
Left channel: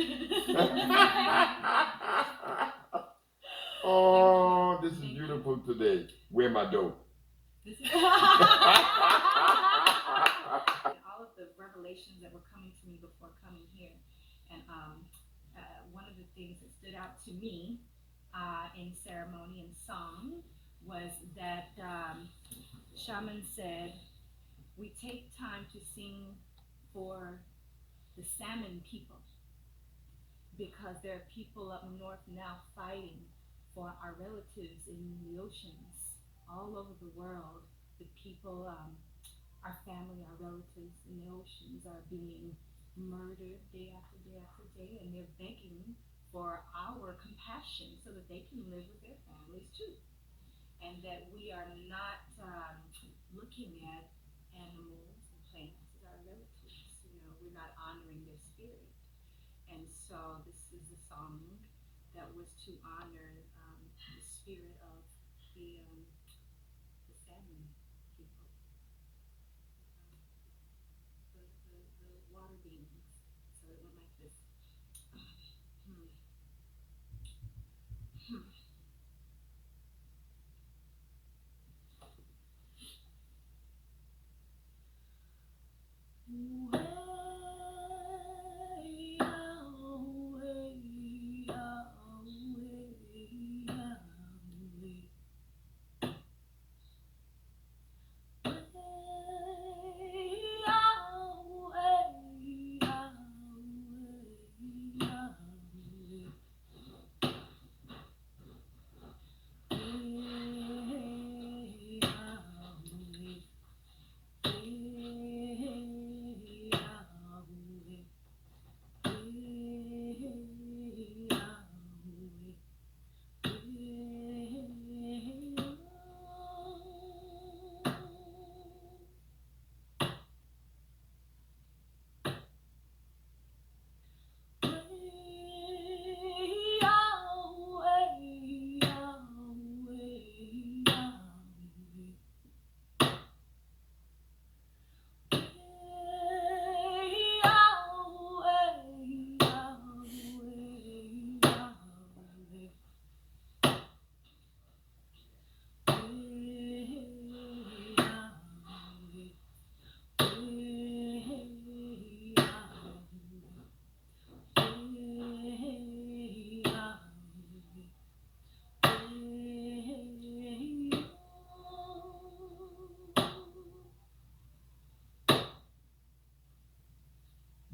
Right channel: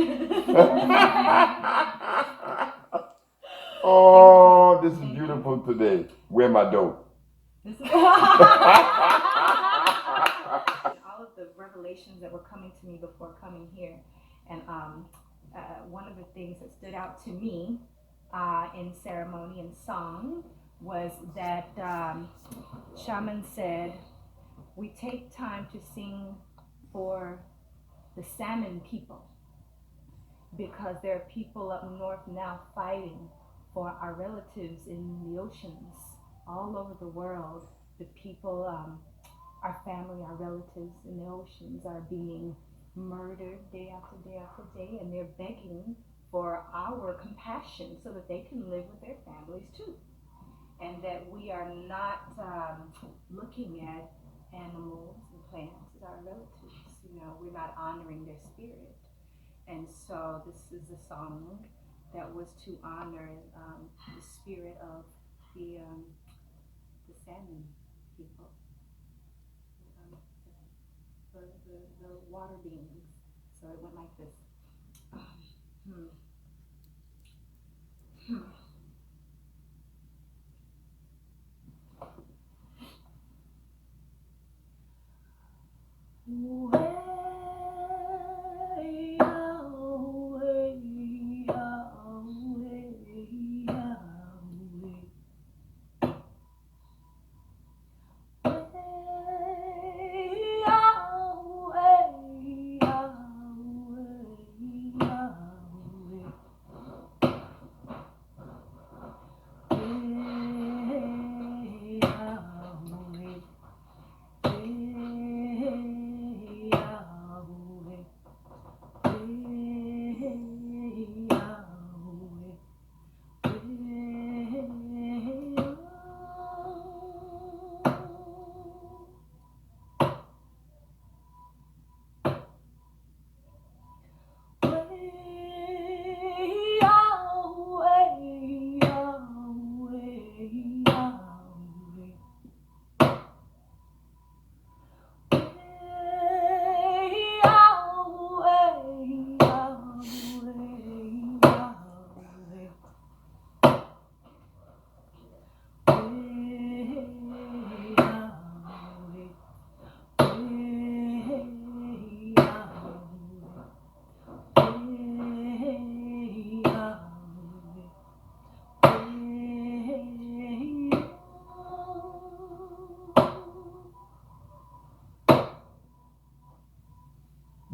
Oh, this is beautiful today. Where my dope? This is all of the revelations that were coming to me before coming here, and one of the things that stood out to me in ceremony and song was that shaman said, "We take time to sing for the salmon people because there are people up north now fighting for our relatives in the oceans all over the world. The people, our family, our relatives in the oceans are being murdered day after day after day, and they're begging for our compassion so that they can live with their families too. And that we are not looking at animals and plants as our relatives. You know, we're not honoring their spirit. And so this is a song that was to honor the spirit of the salmon people, the water beings. So it went like this.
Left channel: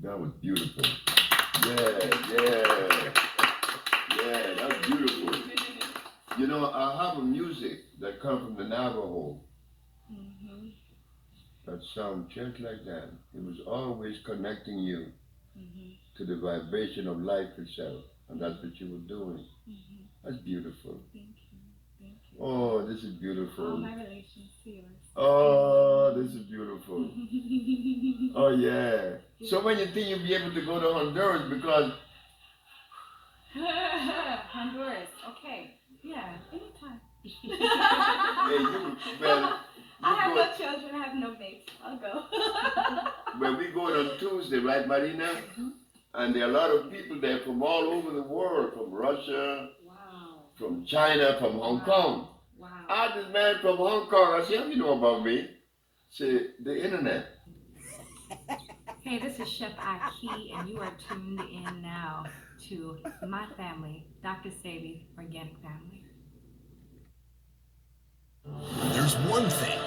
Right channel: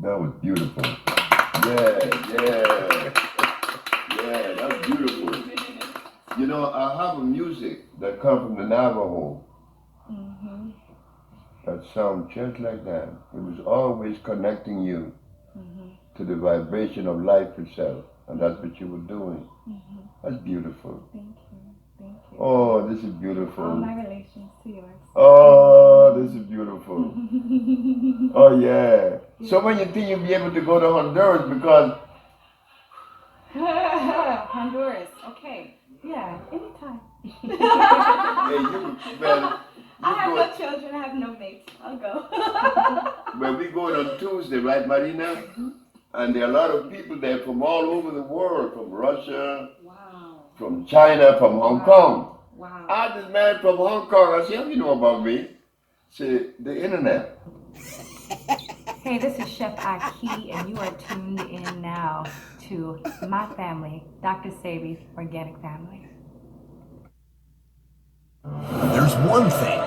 That was beautiful. Yeah. Yeah, that's beautiful. You know, I have a music that comes from the Navajo that sounds just like that. It was always connecting you to the vibration of life itself. And that's what you were doing. That's beautiful. Thank you. Thank you. Oh, this is beautiful. All my relations to yours. Oh, this is beautiful. Oh, yeah. So when you think you'll be able to go to Honduras because... Honduras. Okay. Yeah, anytime. I have no children. I have no mates. I'll go. Well, we're going on Tuesday, right, Marina? And there are a lot of people there from all over the world, from Russia, from China, from Hong Kong. Wow. I had this man from Hong Kong. I said, how do you know about me? Say, the internet. Hey, this is Chef Aki, and you are tuned in now to my family, Dr. Sabi's Organic Family. There's one thing